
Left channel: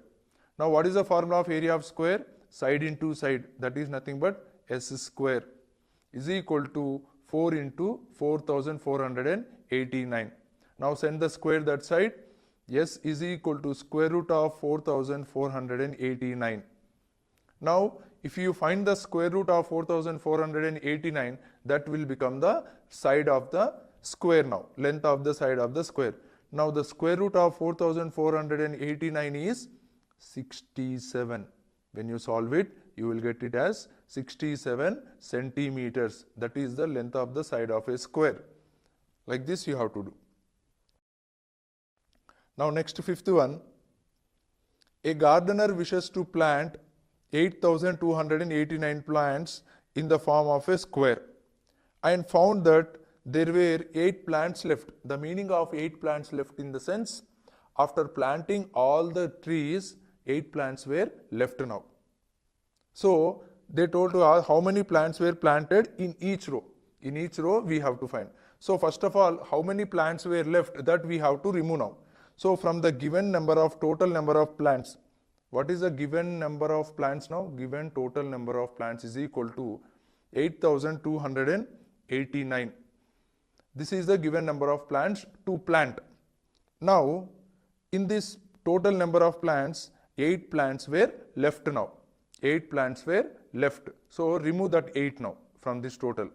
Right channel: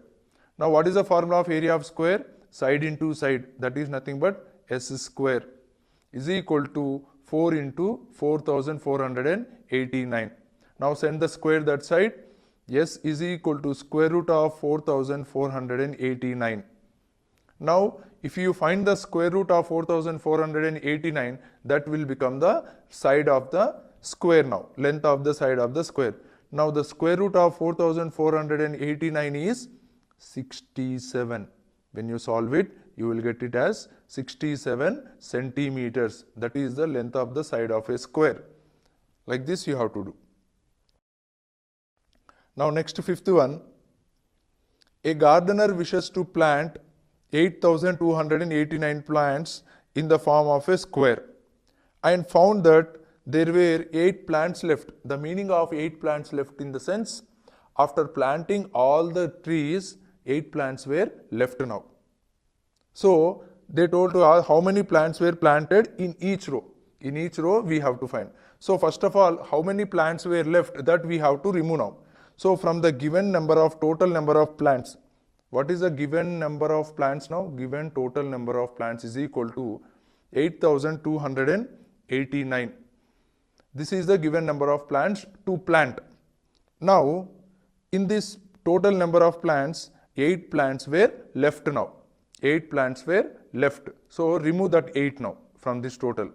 Now what is the formula of area of square? Side into side. That is nothing but s square. is equal to 4 into 4489. Now send the square that side. S is equal to square root of 4489. Now if you find the square root of 4489, that will become the side of the square now, length of the side of the square. Now the square root of 4489 is 67. When you solve it, you will get it as 67 centimeters. That is the length of the side of a square. Like this you have to do. Now next, fifth one. A gardener wishes to plant 8,289 plants in the form of a square and found that there were 8 plants left. The meaning of 8 plants left in the sense, after planting all the trees, 8 plants were left now. So they told to how many plants were planted in each row. In each row we have to find. So first of all, how many plants were left, that we have to remove now. So from the given number of total number of plants, what is the given number of plants now? Given total number of plants is equal to 8,289. This is the given number of plants to plant. Now in this total number of plants, 8 plants were left now. 8 plants were left. So remove that 8 now from this total.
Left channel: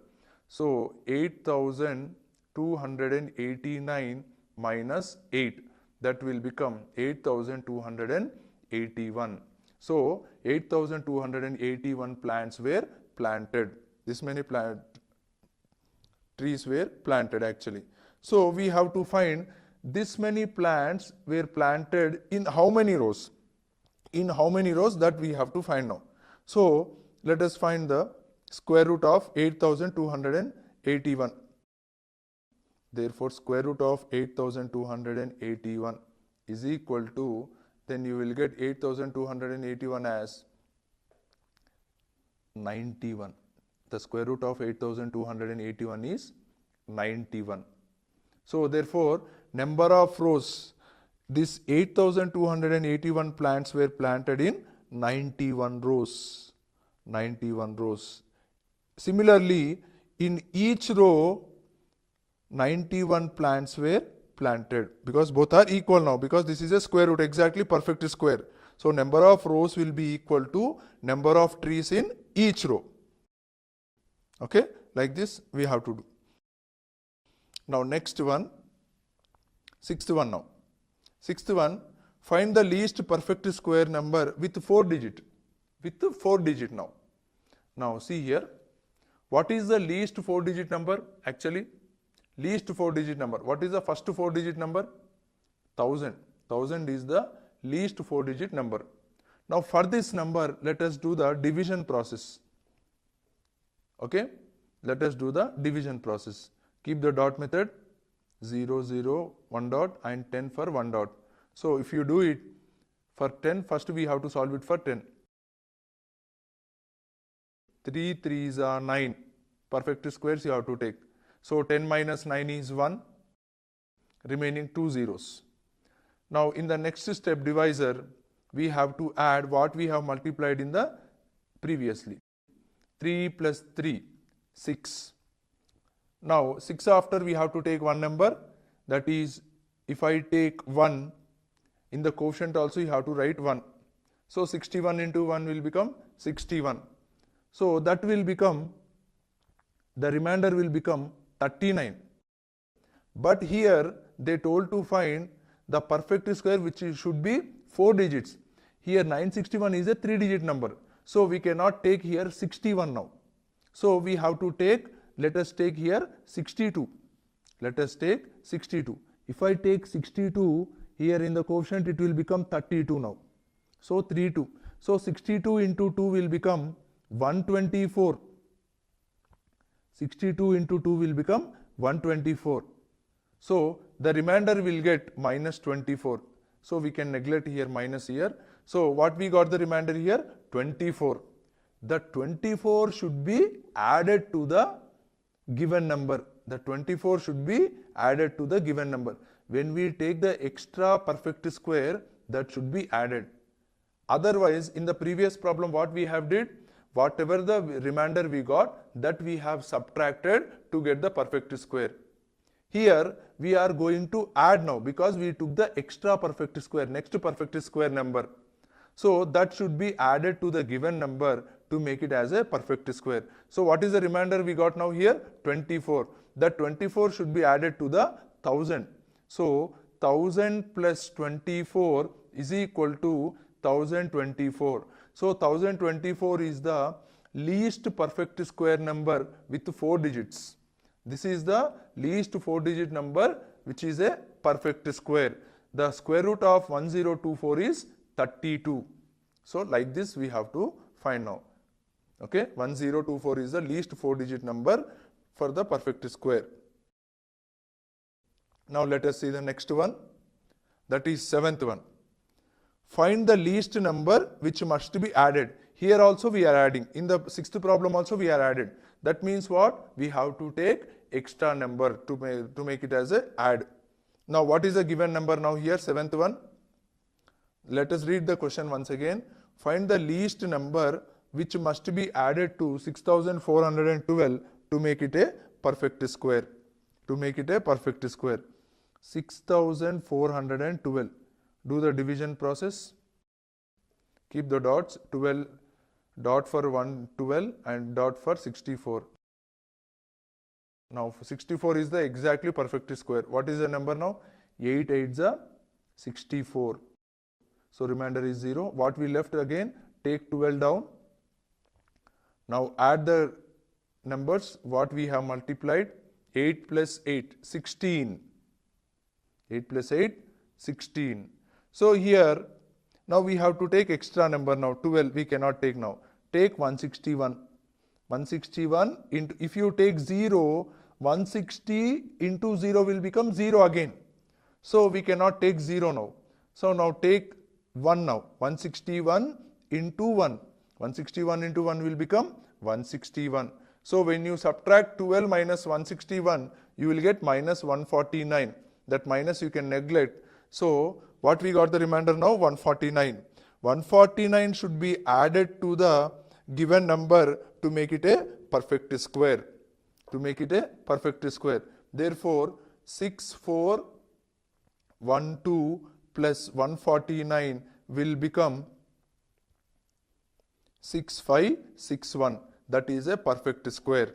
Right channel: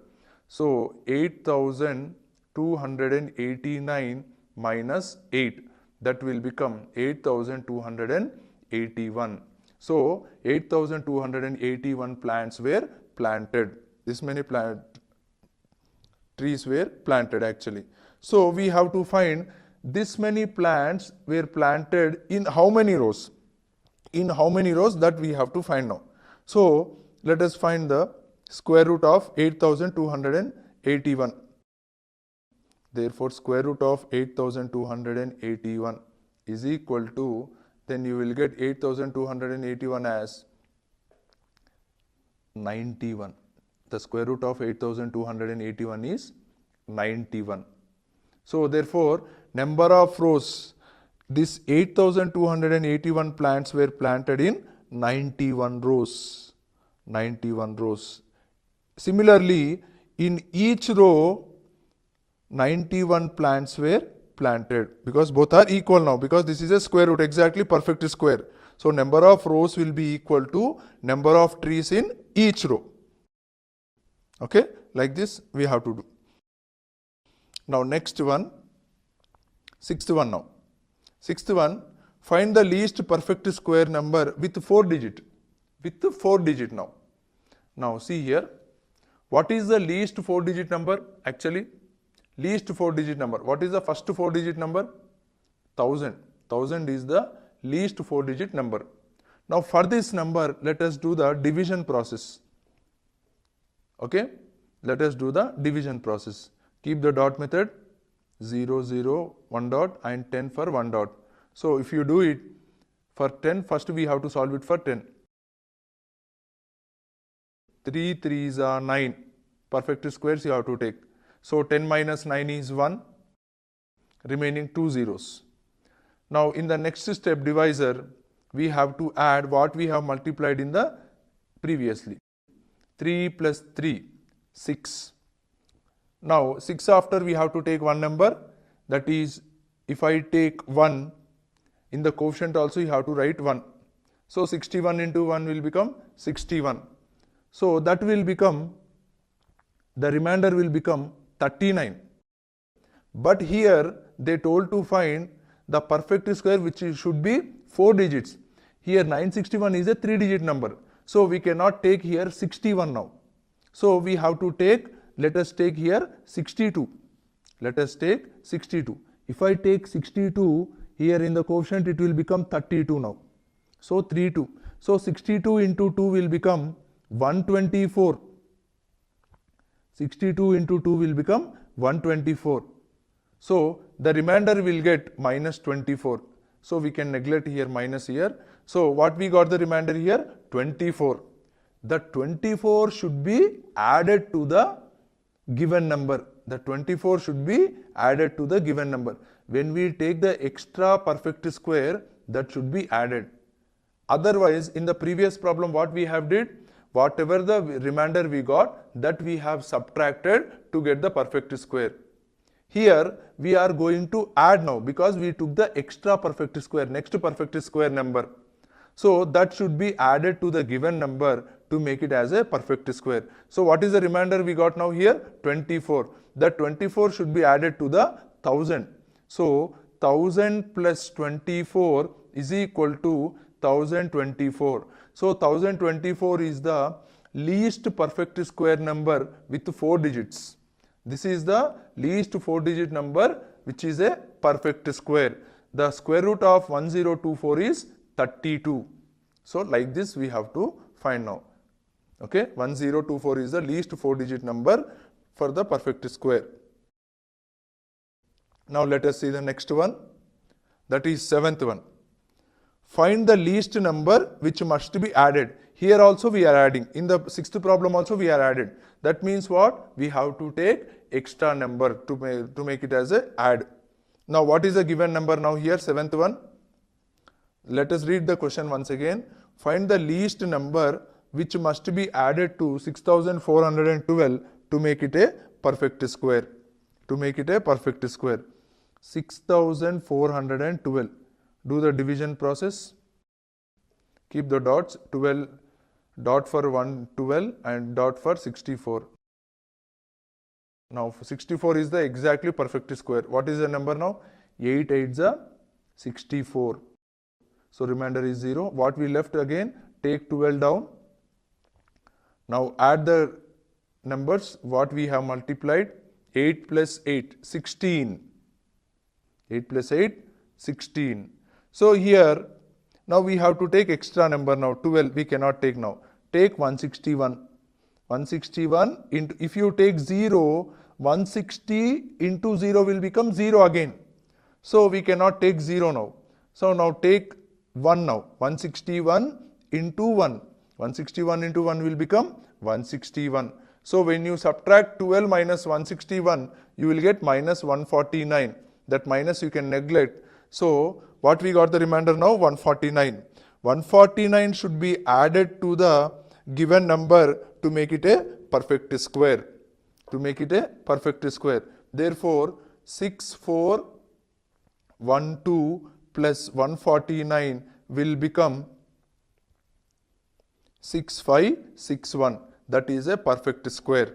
So 8,289 minus 8, that will become 8,281. So 8,281 plants were planted. This many trees were planted actually. So we have to find this many plants were planted in how many rows? In how many rows, that we have to find now. So let us find the square root of 8,281. Therefore square root of 8,281 is equal to, then you will get 8,281 as 91. The square root of 8,281 is 91. So therefore number of rows, this 8,281 plants were planted in 91 rows. 91 rows. Similarly, in each row 91 plants were planted, because both are equal now, because this is a square root, exactly perfect square. So number of rows will be equal to number of trees in each row. Okay, like this we have to do. Now next one, sixth one now. Sixth one, find the least perfect square number with 4 digit. With 4 digit now. Now see here, what is the least 4 digit number actually? Least 4 digit number. What is the first 4 digit number? 1000. 1000 is the least 4 digit number. Now for this number, let us do the division process. Okay, let us do the division process. Keep the dot method, 0, 0, 1 dot and 10 for 1 dot. So if you do it for 10, first we have to solve it for 10. 3 3s are 9. Perfect squares you have to take. So 10 minus 9 is 1, remaining 2 zeros. Now in the next step divisor, we have to add what we have multiplied in the previously. 3 plus 3, 6. Now 6 after we have to take one number, that is, if I take 1, in the quotient also you have to write 1. So 61 into 1 will become 61. So that will become, the remainder will become 39. But here they told to find the perfect square which should be 4 digits. Here 961 is a 3 digit number. So we cannot take here 61 now. So we have to take, let us take here 62. Let us take 62. If I take 62, here in the quotient it will become 32 now. So 32. So 62 into 2 will become 124. 62 into 2 will become 124. So the remainder will get minus 24. So we can neglect here minus here. So what we got the remainder here? 24. The 24 should be added to the given number. The 24 should be added to the given number. When we take the extra perfect square, that should be added. Otherwise, in the previous problem, what we have did? whatever the remainder we got, that we have subtracted to get the perfect square. Here we are going to add now because we took the extra perfect square, next perfect square number. So that should be added to the given number to make it as a perfect square. So what is the remainder we got now here? 24. The 24 should be added to the 1000. So 1000 plus 24 is equal to 1024. So 1024 is the least perfect square number with 4 digits. This is the least 4-digit number which is a perfect square. The square root of 1024 is 32. So like this we have to find now. Okay, 1024 is the least 4-digit number for the perfect square. Now let us see the next one. That is 7th one. Find the least number which must be added. Here also we are adding. In the 6th problem also we are added. That means what? We have to take extra number to make it as a add. Now what is the given number now here? 7th one. Let us read the question once again. Find the least number which must be added to 6412 to make it a perfect square. To make it a perfect square. 6412. Do the division process. Keep the dots. 12 dot for 112 and dot for 64. Now 64 is the exactly perfect square. What is the number now? 8 8s are 64. So remainder is 0. What we left again? Take 12 down. Now add the numbers. What we have multiplied? 8 plus 8, 16. 8 plus 8, 16. So here, now we have to take extra number now. 12 we cannot take now. Take 161. 161 into, if you take 0, 160 into 0 will become 0 again. So we cannot take 0 now. So now take 1 now. 161 into 1. 161 into 1 will become 161. So when you subtract 12 minus 161, you will get minus 149. That minus you can neglect. So what we got the remainder now? 149. 149 should be added to the given number to make it a perfect square. To make it a perfect square. Therefore, 6412 plus 149 will become 6561. That is a perfect square.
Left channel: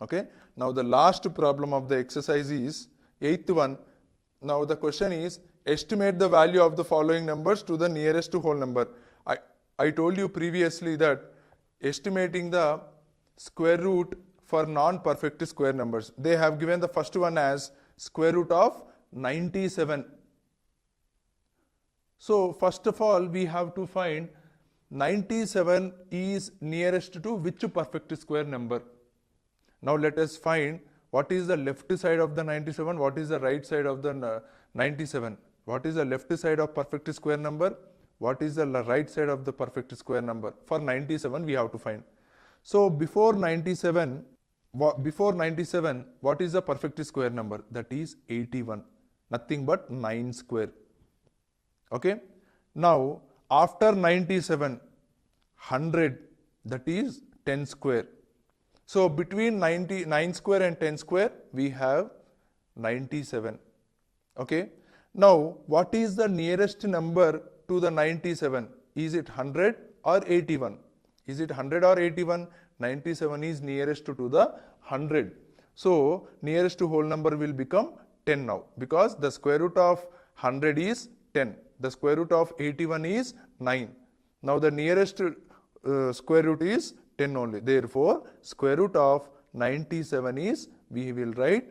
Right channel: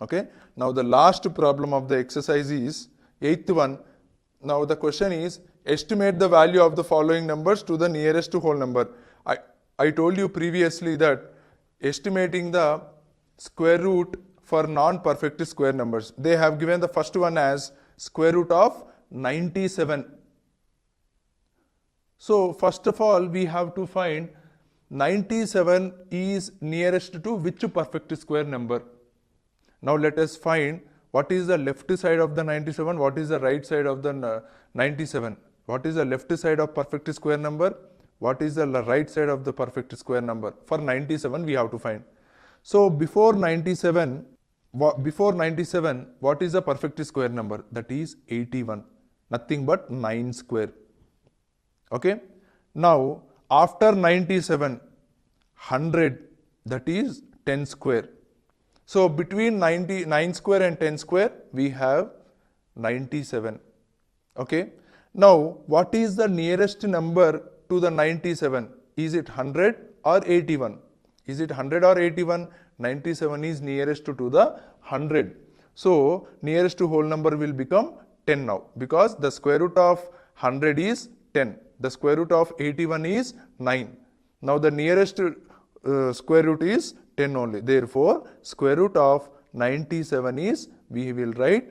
Okay. Now the last problem of the exercise is 8th one. Now the question is, estimate the value of the following numbers to the nearest whole number. I told you previously that estimating the square root for non-perfect square numbers. They have given the first one as square root of 97. So first of all we have to find 97 is nearest to which perfect square number. Now let us find what is the left side of the 97, what is the right side of the 97. What is the left side of perfect square number? What is the right side of the perfect square number? For 97 we have to find. So before 97, what is the perfect square number? That is 81. Nothing but 9 square. Okay. Now after 97, 100, that is 10 square. So between 9 square and 10 square, we have 97. Okay. Now, what is the nearest number to the 97? Is it 100 or 81? Is it 100 or 81? 97 is nearest to the 100. So, nearest to whole number will become 10 now, because the square root of 100 is 10. The square root of 81 is 9. Now, the nearest square root is 10 only. Therefore, square root of 97 is, we will write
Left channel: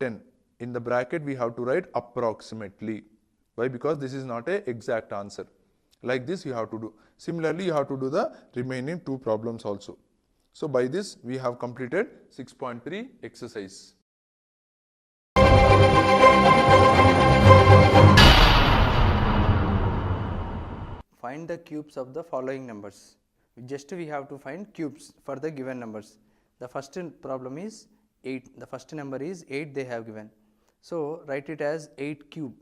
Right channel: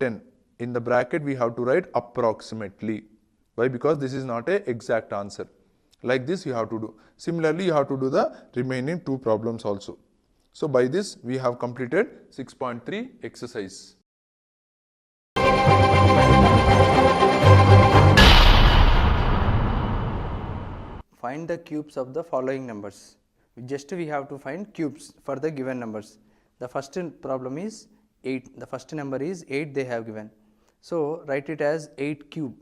10. In the bracket, we have to write approximately. Why? Because this is not an exact answer. Like this you have to do. Similarly, you have to do the remaining 2 problems also. So, by this, we have completed 6.3 exercise. Find the cubes of the following numbers. Just we have to find cubes for the given numbers. The first problem is 8. The first number is 8 they have given. So, write it as 8 cube.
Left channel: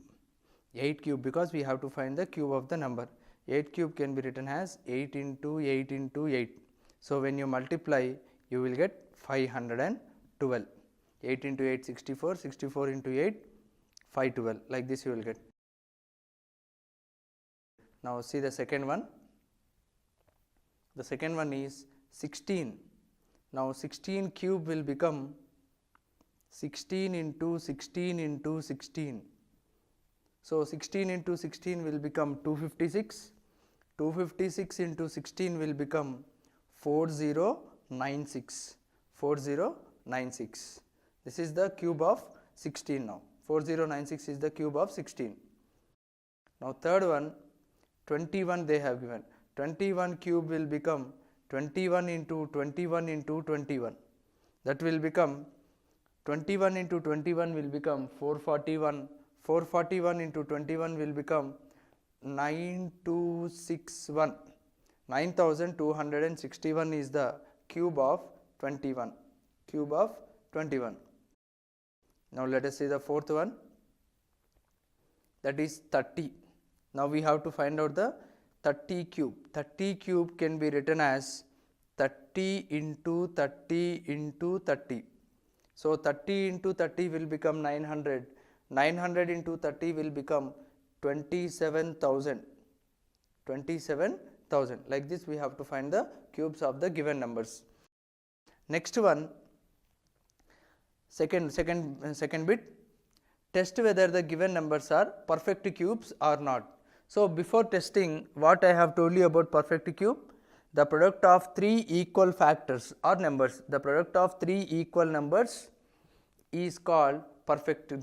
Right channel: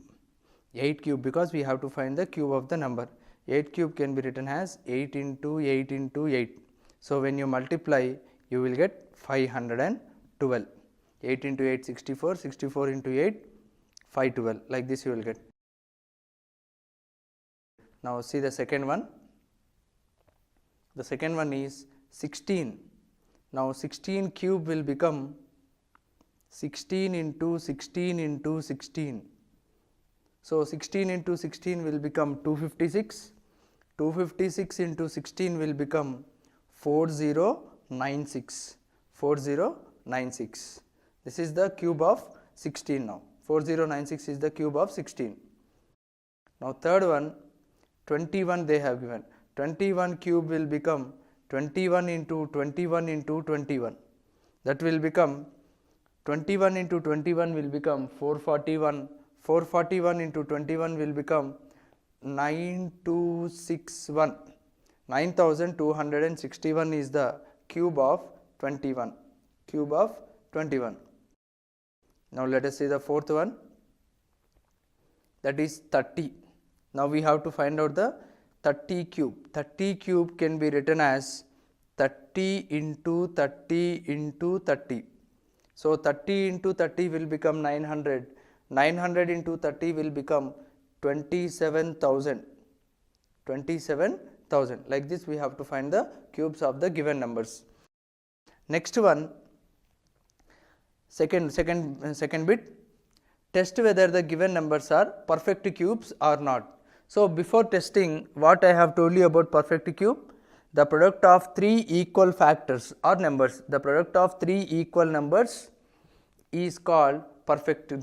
8 cube, because we have to find the cube of the number. 8 cube can be written as 8 into 8 into 8. So, when you multiply, you will get 512. 8 into 8, 64, 64 into 8, 512, like this you will get. Now, see the second one. The second one is 16. Now, 16 cube will become 16 into 16 into 16. So, 16 into 16 will become 256. 256 into 16 will become 4096. 4096. This is the cube of 16 now. 4096 is the cube of 16. Now, third one, 21 they have given. 21 cube will become 21 into 21 into 21. That will become 21 into 21 will become 441. 441 into 21 will become 9261. 9261 is the cube of 21. Cube of 21. Now, let us see the fourth one, that is 30. Now, we have to find out the 30 cube. 30 cube can be written as 30 into 30 into 30. So, 30 into 30 will become 900. 900 into 30 will become 27,000. 27,000. Like this, we have to find the cubes of the given numbers. Next one, second bit, test whether the given numbers are perfect cubes or not. So, before testing, what I have told you about perfect cube, the product of 3 equal factors or numbers, the product of 3 equal numbers is called perfect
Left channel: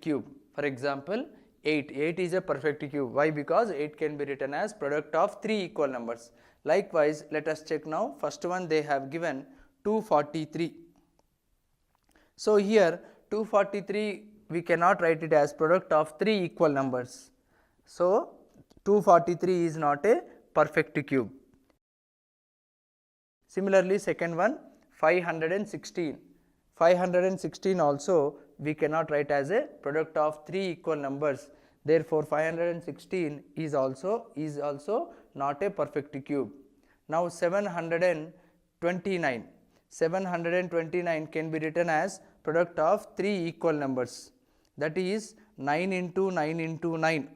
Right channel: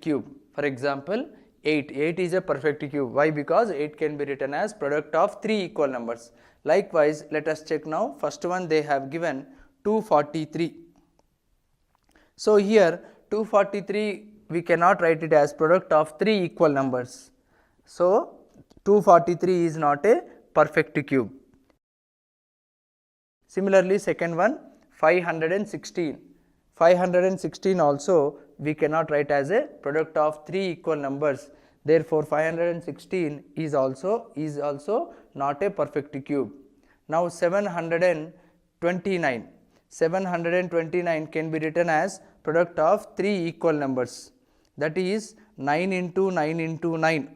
cube. For example, 8 is a perfect cube. Why? Because 8 can be written as product of 3 equal numbers. Likewise, let us check now. First one, they have given 243. So, here 243 we cannot write it as product of 3 equal numbers. So, 243 is not a perfect cube. Similarly, second one, 516. 516 also we cannot write as a product of 3 equal numbers. Therefore, 516 is also not a perfect cube. Now, 729. 729 can be written as product of 3 equal numbers, that is 9 into 9 into 9.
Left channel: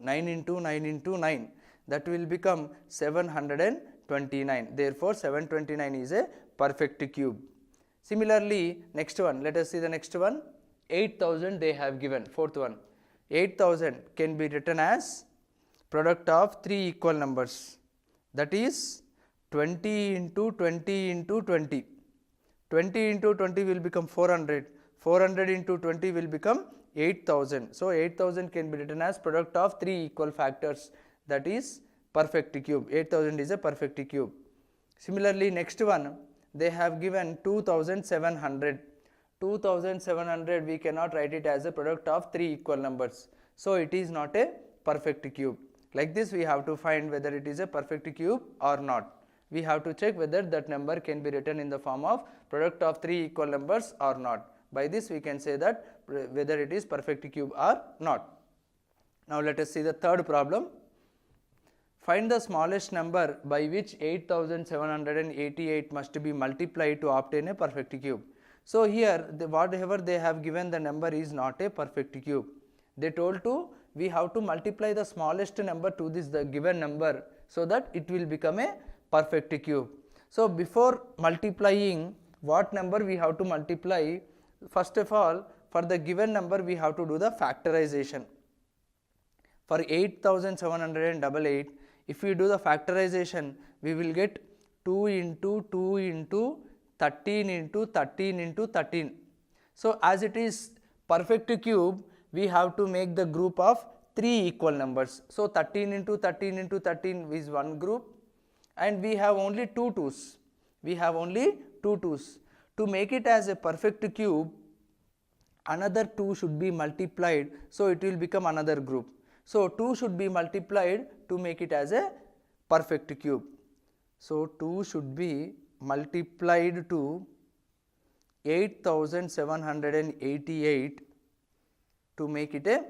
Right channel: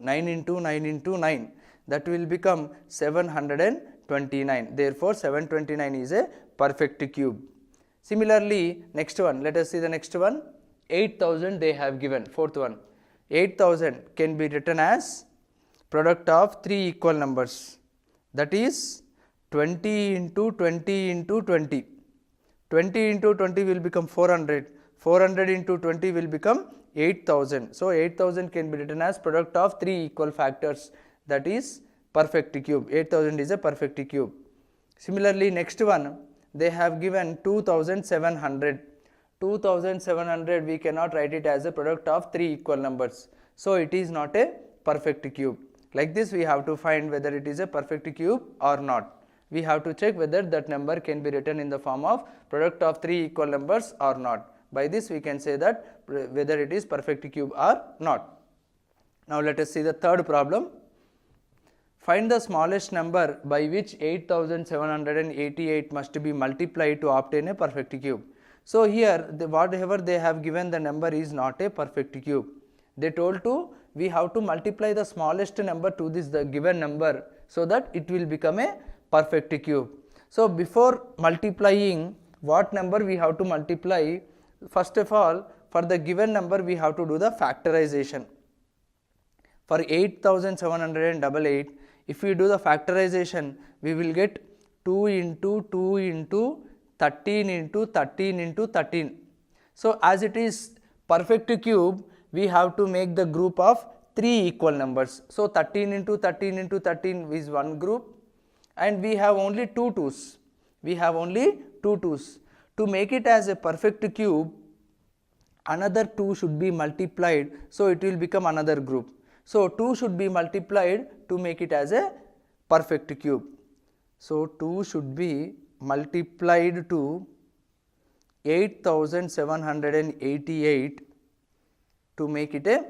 9 into 9 into 9, that will become 729. Therefore, 729 is a perfect cube. Similarly, next one, let us see the next one, 8000 they have given, fourth one. 8000 can be written as product of 3 equal numbers, that is 20 into 20 into 20. 20 into 20 will become 400. 400 into 20 will become 8000. So, 8000 can be written as product of 3 equal factors, that is perfect cube. 8000 is a perfect cube. Similarly, next one, they have given 2700. 2700 we cannot write it as a product of 3 equal numbers. So, it is not a perfect cube. Like this, we have to find whether it is a perfect cube or not. We have to check whether that number can be written in the form of product of 3 equal numbers or not. By this, we can say that whether it is perfect cube or not. Now, let us see the third problem. Find the smallest number by which 8788 must be multiplied to obtain a perfect cube. So, here whatever they have given, the number is not a perfect cube. They told to we have to multiply the smallest number to this the given number, so that it will become a perfect cube. So, before multiplying, what number we have to multiply? First of all, for the given number we have to do the factorization. For 8788, if we do the factorization, we will get 2 into 2 into 13 into 13 into 13. So, as it is perfect cube, we have to make the group of 3 equal numbers. So, 13 into 13 into 13 is one group, and we have only 2 2's. We have only 2 2's. To make it as a perfect cube, another 2 should be multiplied, so it will become another group. So, 2 should be multiplied to make it as a perfect cube. So, 2 should be multiplied to 8788 to make it a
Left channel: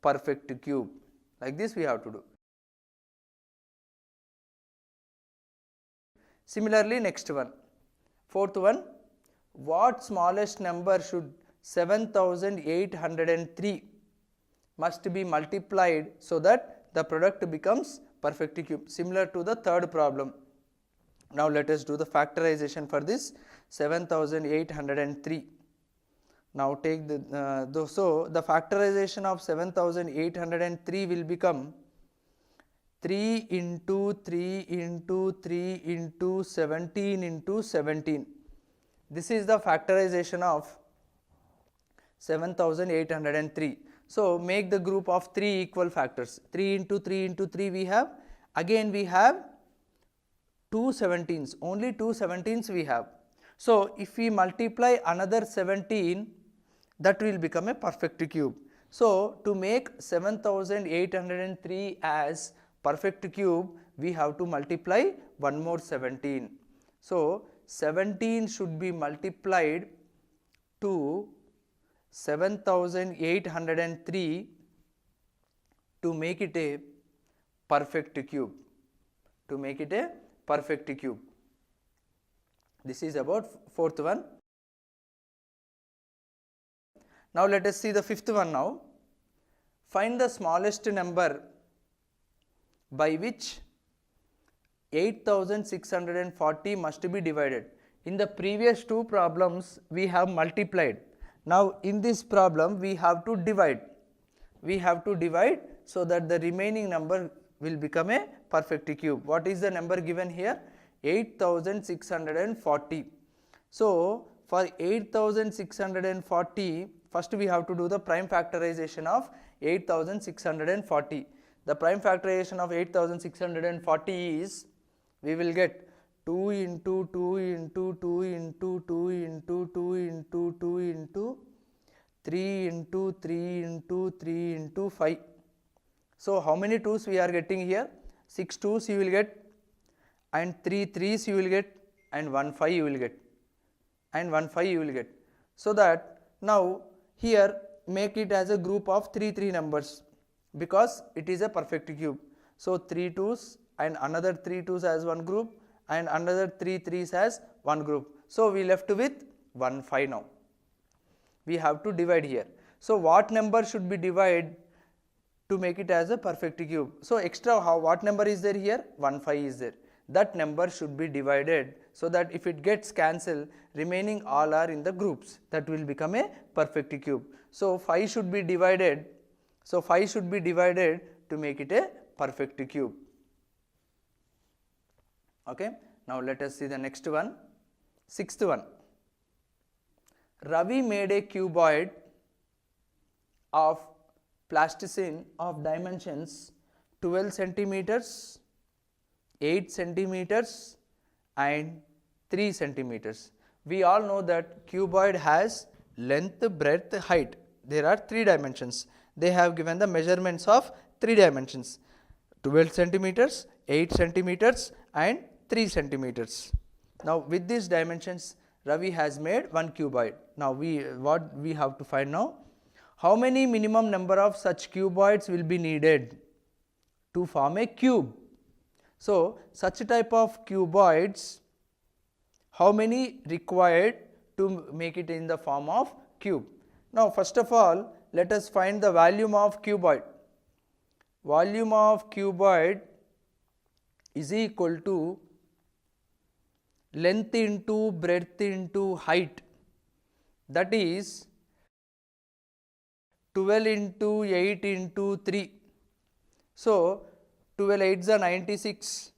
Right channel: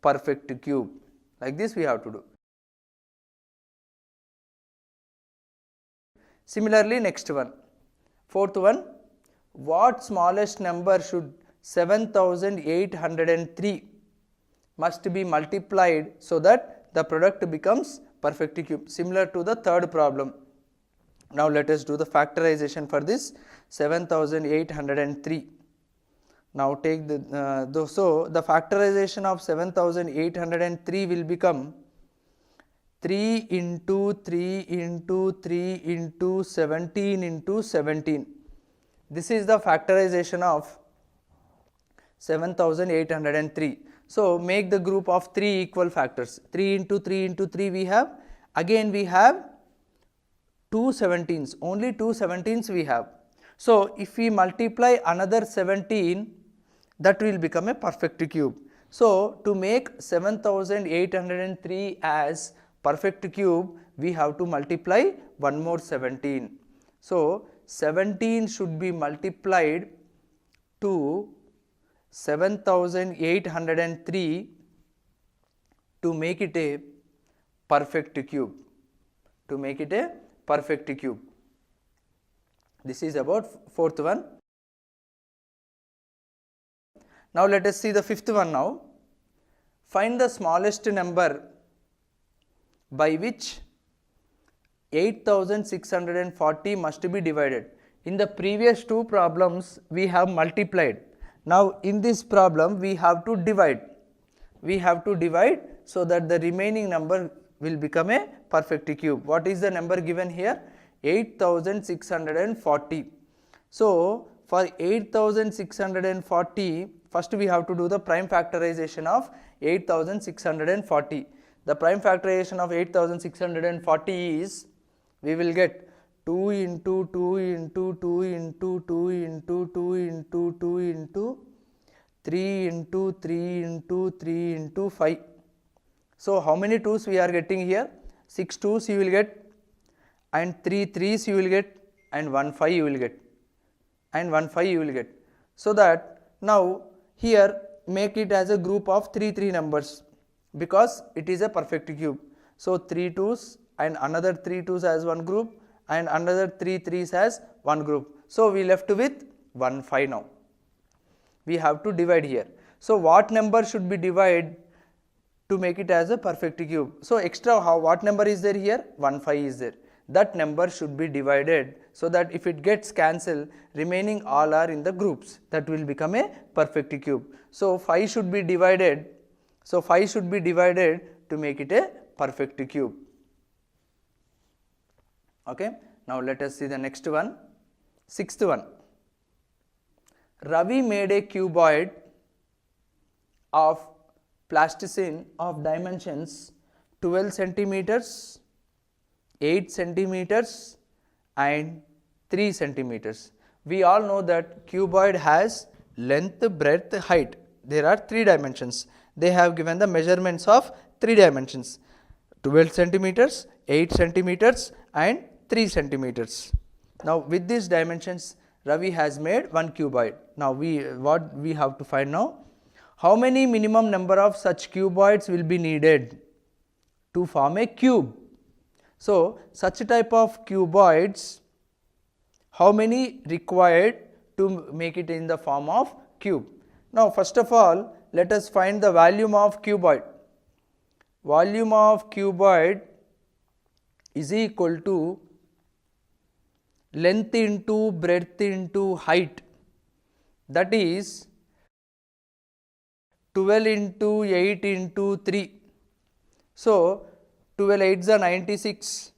perfect cube. Like this we have to do. Similarly, next one, fourth one, what smallest number should 7803 must be multiplied so that the product becomes perfect cube, similar to the third problem. Now let us do the factorization for this 7803. Now take so the factorization of 7803 will become 3 into 3 into 3 into 17 into 17. This is the factorization of 7803. So make the group of 3 equal factors. 3 into 3 into 3 we have. Again we have 2 17s. Only 2 17s we have. So if we multiply another 17, that will become a perfect cube. So to make 7803 as perfect cube, we have to multiply one more 17. So 17 should be multiplied to 7803 to make it a perfect cube. To make it a perfect cube. This is about fourth one. Now let us see the fifth one now. Find the smallest number by which 8640 must be divided. In the previous two problems we have multiplied. Now in this problem we have to divide. We have to divide so that the remaining number will become a perfect cube. What is the number given here? 8640. So for 8640, first we have to do the prime factorization of 8640. The prime factorization of 8640 is, we will get 2 into 2 into 2 into 2 into 2 into 2 into 3 into 3 into 3 into 5. So how many 2's we are getting here? 6 2's you will get, and 3 3's you will get, and 1 5 you will get, and 1 5 you will get. So that now here make it as a group of 3 3 numbers, because it is a perfect cube. So 3 2's and another 3 2's as one group, and another 3 3's as one group. So we left with 1 5 now. We have to divide here. So what number should be divided to make it as a perfect cube? So extra what number is there here? 1 5 is there. That number should be divided so that if it gets cancelled, remaining all are in the groups. That will become a perfect cube. So 5 should be divided. So 5 should be divided to make it a perfect cube. Okay. Now let us see the next one. Sixth one. Ravi made a cuboid of plasticine of dimensions 12 centimeters, 8 centimeters and 3 centimeters. We all know that cuboid has length, breadth, height. There are 3 dimensions. They have given the measurements of 3 dimensions, 12 centimeters, 8 centimeters and 3 centimeters. Now with these dimensions, Ravi has made one cuboid. Now what we have to find now? How many minimum number of such cuboids will be needed to form a cube? So such type of cuboids, how many required to make it in the form of cube? Now first of all, let us find the volume of cuboid. Volume of cuboid is equal to length into breadth into height, that is 12 into 8 into 3. So 12 8s are 96,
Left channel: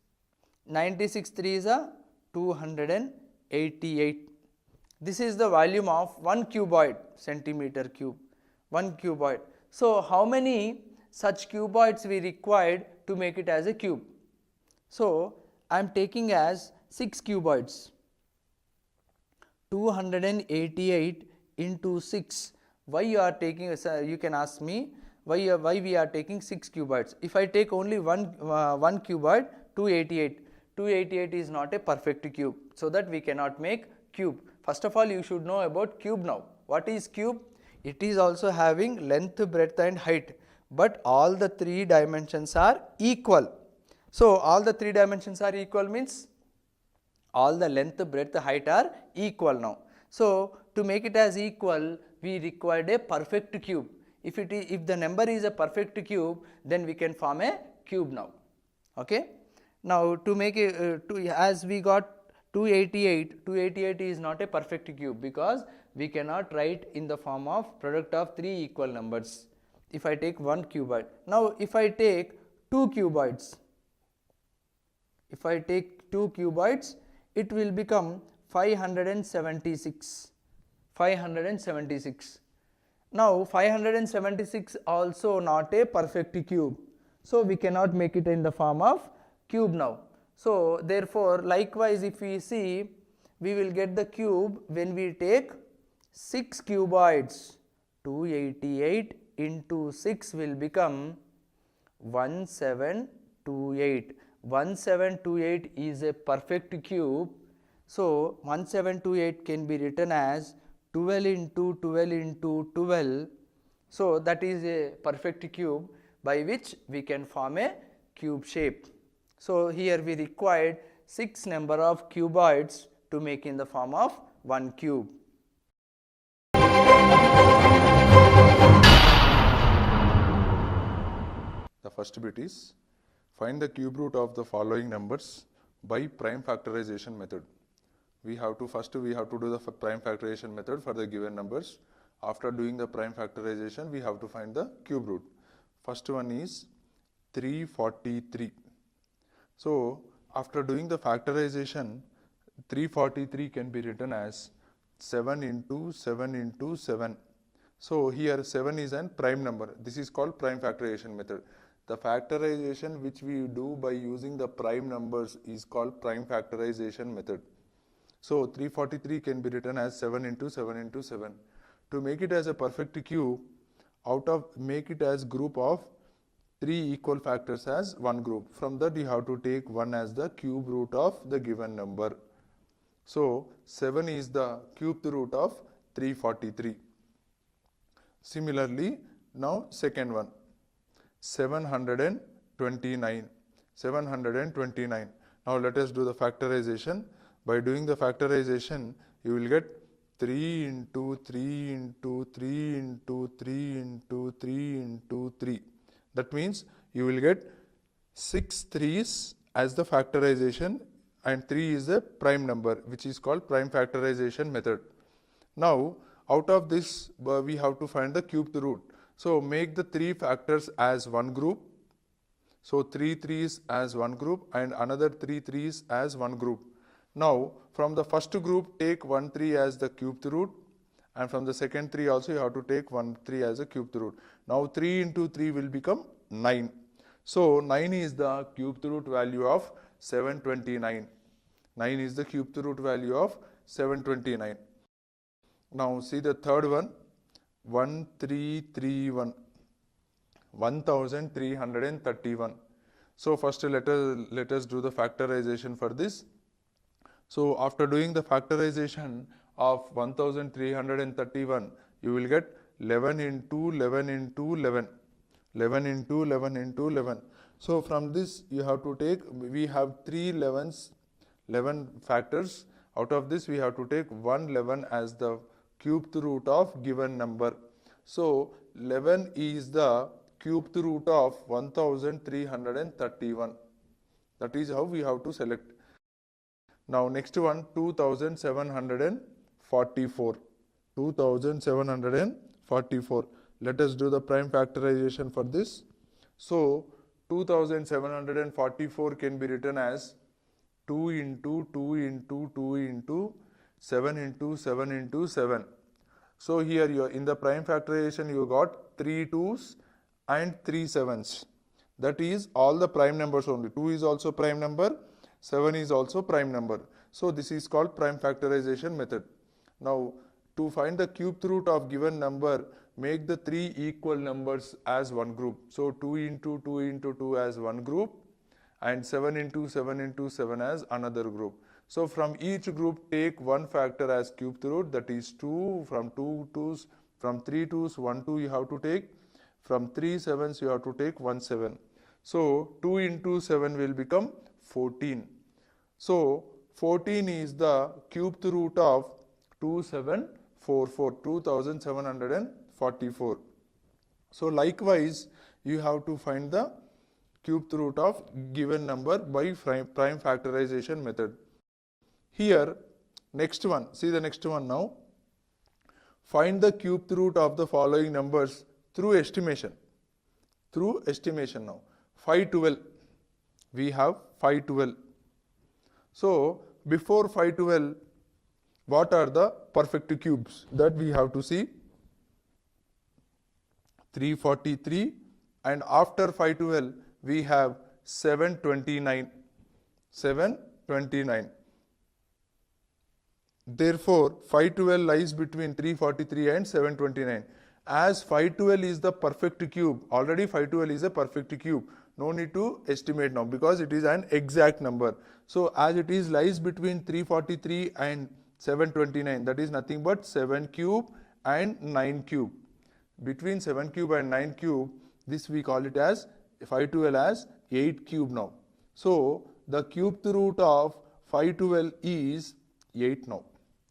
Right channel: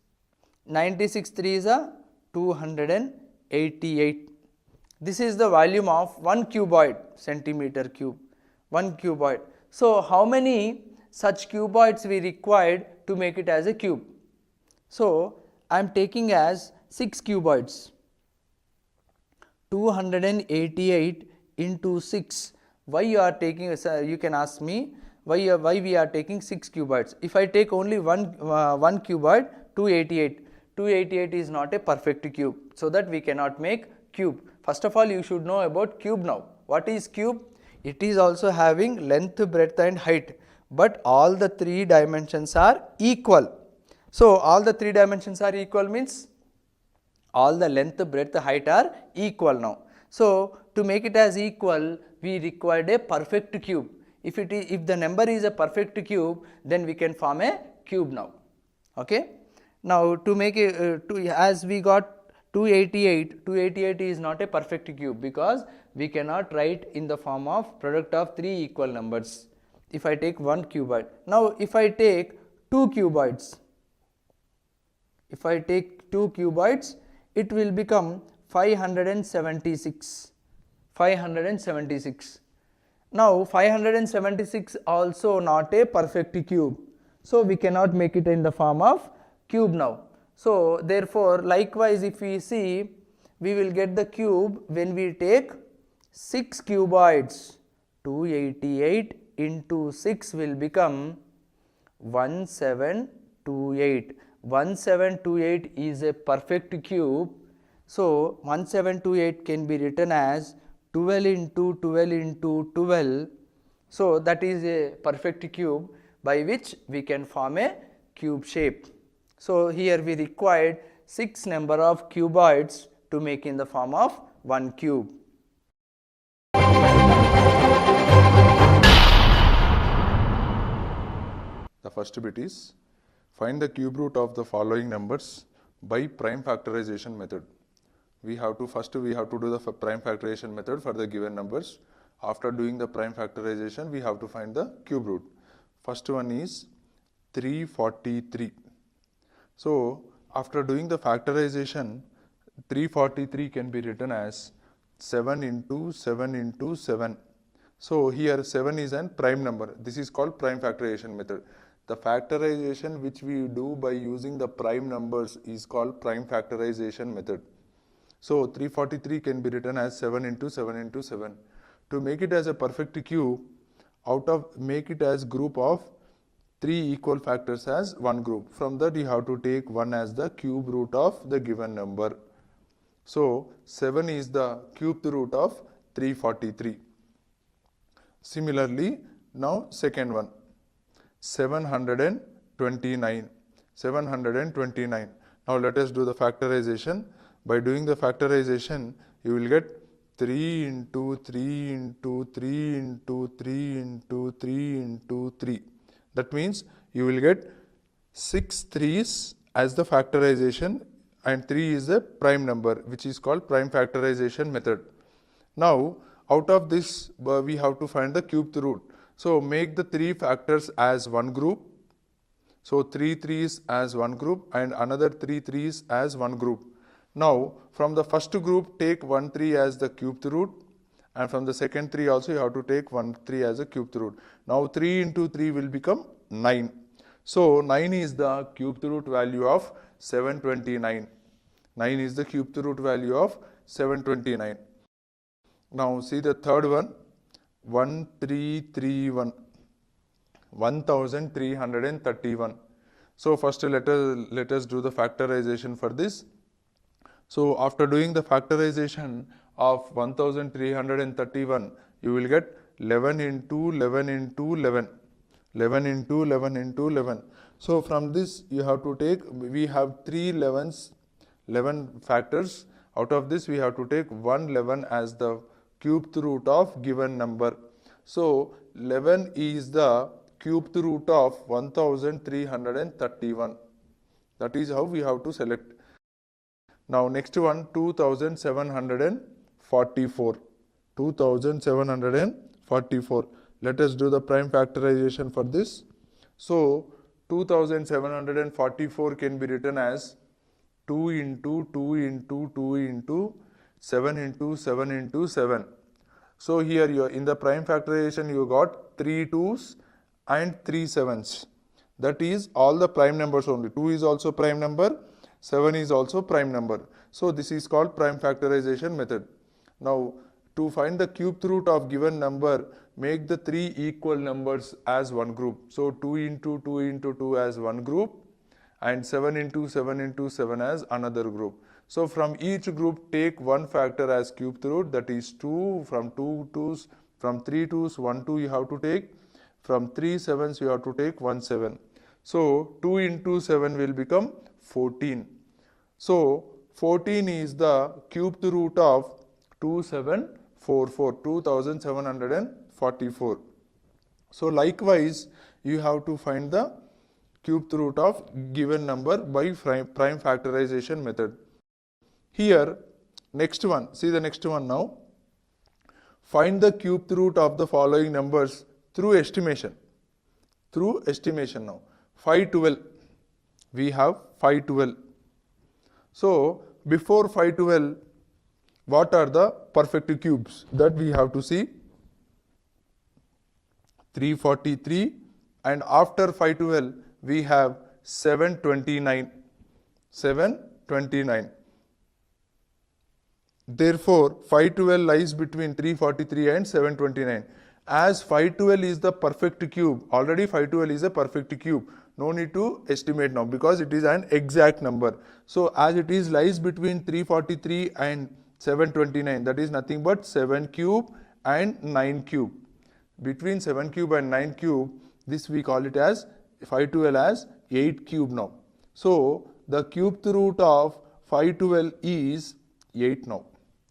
96 3s are 288. This is the volume of one cuboid, centimeter cube, one cuboid. So how many such cuboids we required to make it as a cube? So I am taking as 6 cuboids, 288 into 6. Why you are taking, you can ask me, why we are taking 6 cuboids? If I take only one cuboid, 288. 288 is not a perfect cube, so that we cannot make cube. First of all, you should know about cube now. What is cube? It is also having length, breadth and height, but all the 3 dimensions are equal. So all the 3 dimensions are equal means all the length, breadth, height are equal now. So to make it as equal, we required a perfect cube. If the number is a perfect cube, then we can form a cube now. Okay. Now to make it as we got 288 is not a perfect cube because we cannot write in the form of product of 3 equal numbers. If I take one cuboid, now if I take two cuboids, it will become 576. Now 576 also not a perfect cube, so we cannot make it in the form of cube now. So therefore likewise if we see, we will get the cube when we take 6 cuboids. 288 into 6 will become 1728. 1728 is a perfect cube. So 1728 can be written as 12 into 12 into 12. So that is a perfect cube by which we can form a cube shape. So here we required 6 number of cuboids to make in the form of one cube. The first bit is find the cube root of the following numbers by prime factorization method. We have to do the prime factorization method for the given numbers. After doing the prime factorization, we have to find the cube root. First one is 343. So after doing the factorization, 343 can be written as 7 into 7 into 7. So here 7 is an prime number. This is called prime factorization method. The factorization which we do by using the prime numbers is called prime factorization method. So 343 can be written as 7 into 7 into 7. To make it as a perfect cube, make it as group of 3 equal factors as one group. From that you have to take 1 as the cube root of the given number. So 7 is the cube root of 343. Similarly, now second one, 729. Now let us do the factorization. By doing the factorization, you will get 3 into 3 into 3 into 3 into 3 into 3. That means you will get 6 3's as the factorization and 3 is the prime number, which is called prime factorization method. Now out of this we have to find the cube root. So make the 3 factors as one group. So 3 3's as one group and another 3 3's as one group. Now from the first group take 1 3 as the cube root, and from the second 3 also you have to take 1 3 as a cube root. Now 3 into 3 will become 9. So 9 is the cube root value of 729. 9 is the cube root value of 729. Now see the third one, 1331. 1331. So first let us do the factorization for this. So after doing the factorization of 1331, you will get 11 into 11 into 11. 11 into 11 into 11. So from this you have to take, we have 11 factors. Out of this we have to take 11 as the cube root of given number. So 11 is the cube root of 1331. That is how we have to select. Now next one, 2744. 2744. Let us do the prime factorization for this. So 2744 can be written as 2 into 2 into 2 into 7 into 7 into 7. So here you are in the prime factorization, you got 3 2's and 3 7's. That is all the prime numbers only. 2 is also prime number, 7 is also prime number. So this is called prime factorization method. Now to find the cube root of given number, make the 3 equal numbers as one group. So 2 into 2 into 2 as one group and 7 into 7 into 7 as another group. So from each group take one factor as cube root, that is 2. From 2 2's, from 3 2's 1 2 you have to take. From 3 7's you have to take 1 7. So 2 into 7 will become 14. So 14 is the cubed root of 2744. So likewise, you have to find the cubed root of given number by prime factorization method. Here, next one, see the next one now. Find the cubed root of the following numbers through estimation. Through estimation now. 512. We have 512. So, before 512, what are the perfect cubes? That we have to see. 343, and after 512, we have 729. 729. Therefore, 512 lies between 343 and 729. As 512 is the perfect cube, already 512 is a perfect cube. No need to estimate now because it is an exact number. So, as it is lies between 343 and 729, that is nothing but 7 cube and 9 cube. Between 7 cube and 9 cube, this we call it as 512 as 8 cube now. So, the cubed root of 512 is 8 now.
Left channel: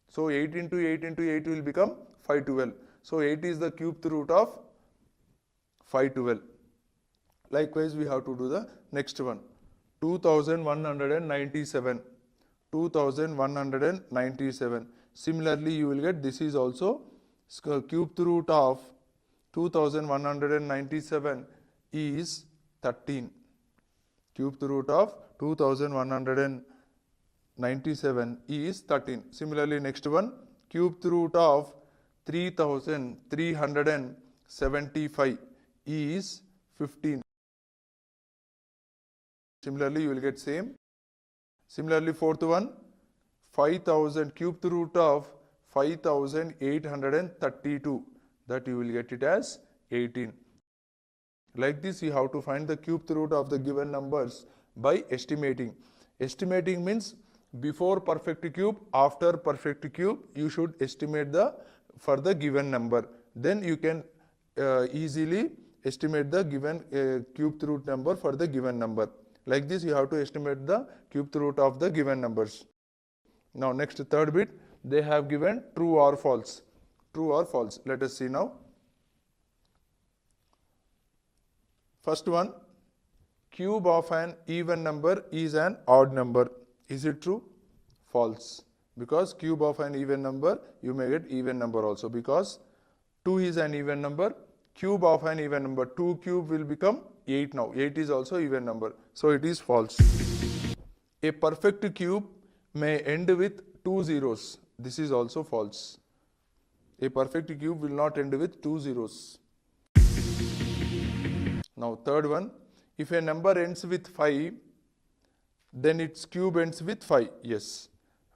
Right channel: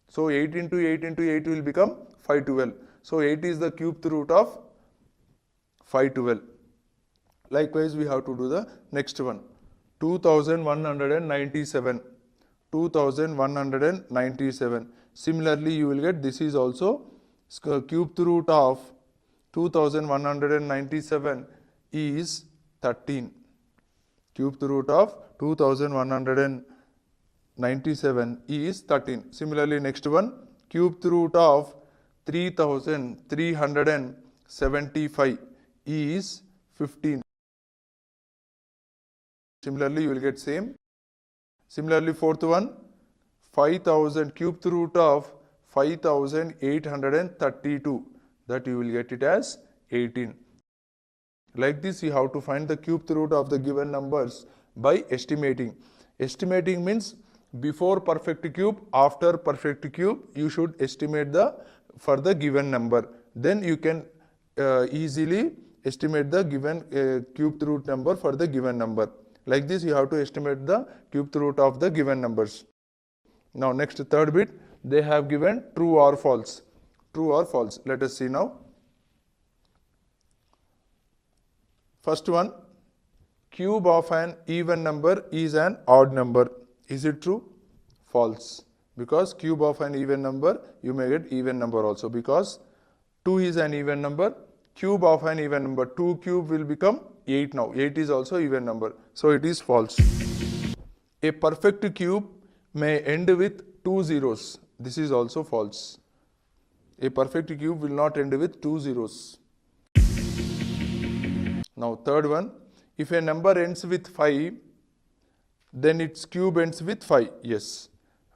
So, 8 into 8 into 8 will become 512. So, 8 is the cubed root of 512. Likewise, we have to do the next one. 2197. 2197. Similarly, you will get this is also cubed root of 2197 is 13. Cubed root of 2197 is 13. Similarly, next one, cubed root of 3375 is 15. Similarly, you will get same. Similarly, fourth one, 5000, cubed root of 5832, that you will get it as 18. Like this, you have to find the cubed root of the given numbers by estimating. Estimating means before perfect cube, after perfect cube, you should estimate for the given number. Then you can easily estimate the given cubed root number for the given number. Like this, you have to estimate the cubed root of the given numbers. Now, next third bit, they have given true or false. True or false. Let us see now. First one, cube of an even number is an odd number. Is it true? False. Because cube of an even number, you may get even number also. Because 2 is an even number. Cube of an even number, 2 cube will become 8 now. 8 is also even number. So, it is false. A perfect cube may end with 2 zeros. This is also false. A perfect cube will not end with 2 zeros. Now, third one, if a number ends with 5, then its cube ends with 5. Yes.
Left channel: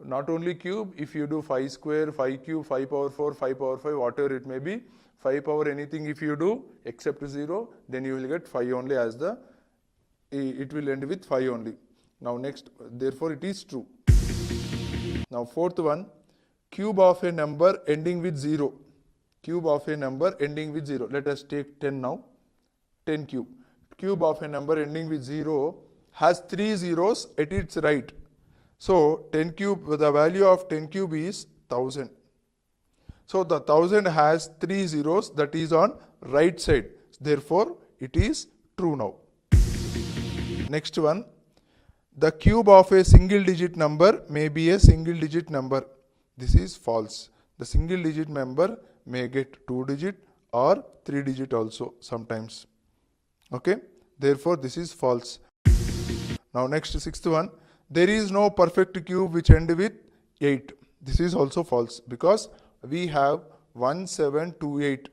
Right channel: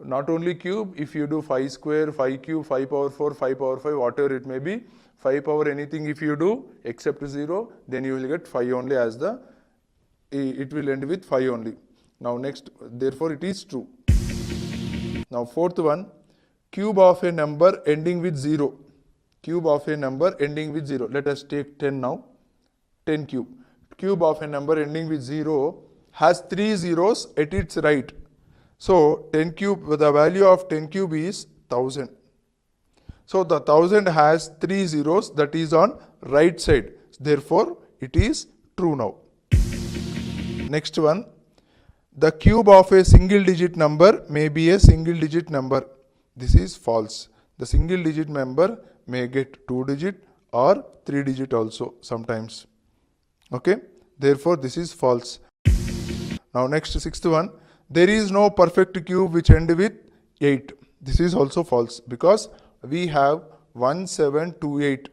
Not only cube, if you do 5 square, 5 cube, 5 power 4, 5 power 5, whatever it may be, 5 power anything if you do except 0, then you will get 5 only as it will end with 5 only. Now, next, therefore, it is true. Now, fourth one, cube of a number ending with 0. Cube of a number ending with 0. Let us take 10 now. 10 cube. Cube of a number ending with 0 has 3 zeros at its right. So, 10 cube, the value of 10 cube is 1000. So, the 1000 has 3 zeros, that is on right side. Therefore, it is true now. Next one, the cube of a single digit number may be a single digit number. This is false. The single digit number may get 2 digit or 3 digit also sometimes. Okay. Therefore, this is false. Now, next sixth one, there is no perfect cube which end with 8. This is also false because we have 1728.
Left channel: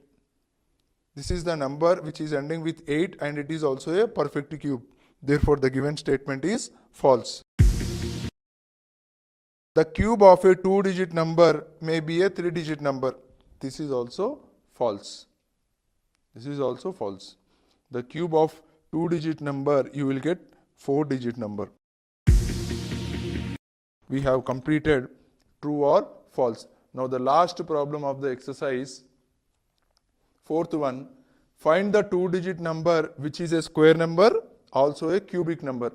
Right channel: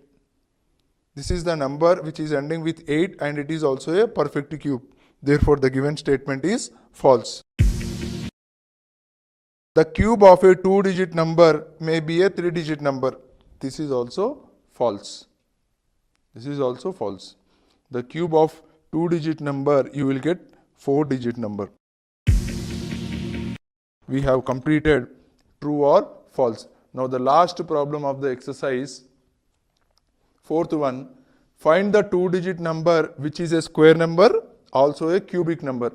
This is the number which is ending with 8 and it is also a perfect cube. Therefore, the given statement is false. The cube of a 2-digit number may be a 3-digit number. This is also false. This is also false. The cube of 2-digit number, you will get 4-digit number. We have completed true or false. Now, the last problem of the exercise, fourth one, find the 2-digit number which is a square number, also a cubic number.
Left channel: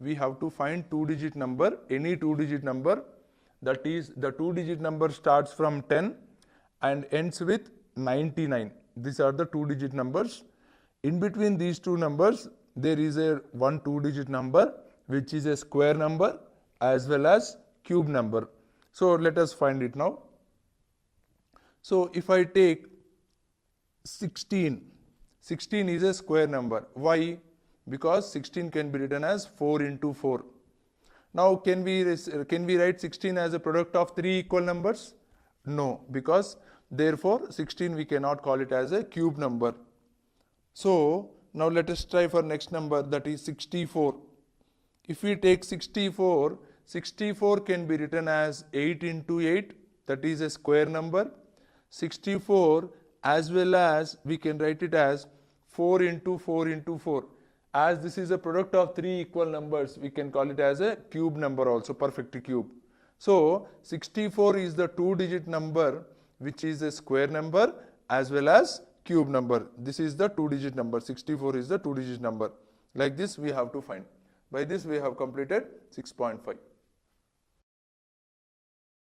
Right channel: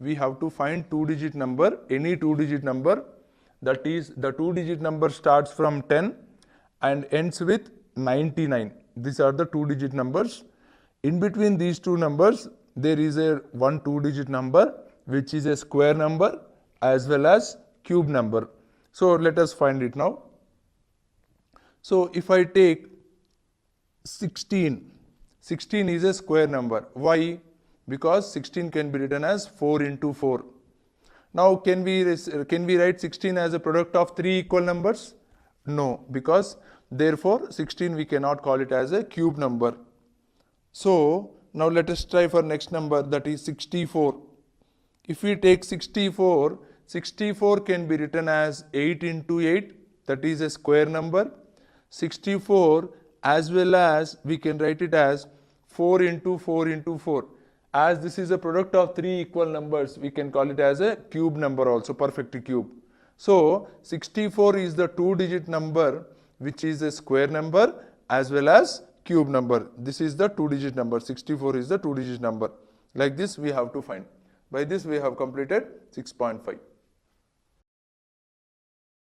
we have to find 2-digit number, any 2-digit number, that is the 2-digit number starts from 10 and ends with 99. These are the 2-digit numbers. In between these two numbers, there is a one 2-digit number which is a square number as well as cube number. So let us find it now. So if I take 16, 16 is a square number. Why? Because 16 can be written as 4 into 4. Now can we write 16 as a product of three equal numbers? No, because therefore 16 we cannot call it as a cube number. So now let us try for next number, that is 64. If we take 64, 64 can be written as 8 into 8, that is a square number. 64 as well as we can write it as 4 into 4 into 4. As this is a product of three equal numbers, we can call it as a cube number also, perfect cube. So 64 is the 2-digit number which is a square number as well as cube number. This is the 2-digit number. 64 is the 2-digit number. Like this we have to find. By this we have completed 6.5.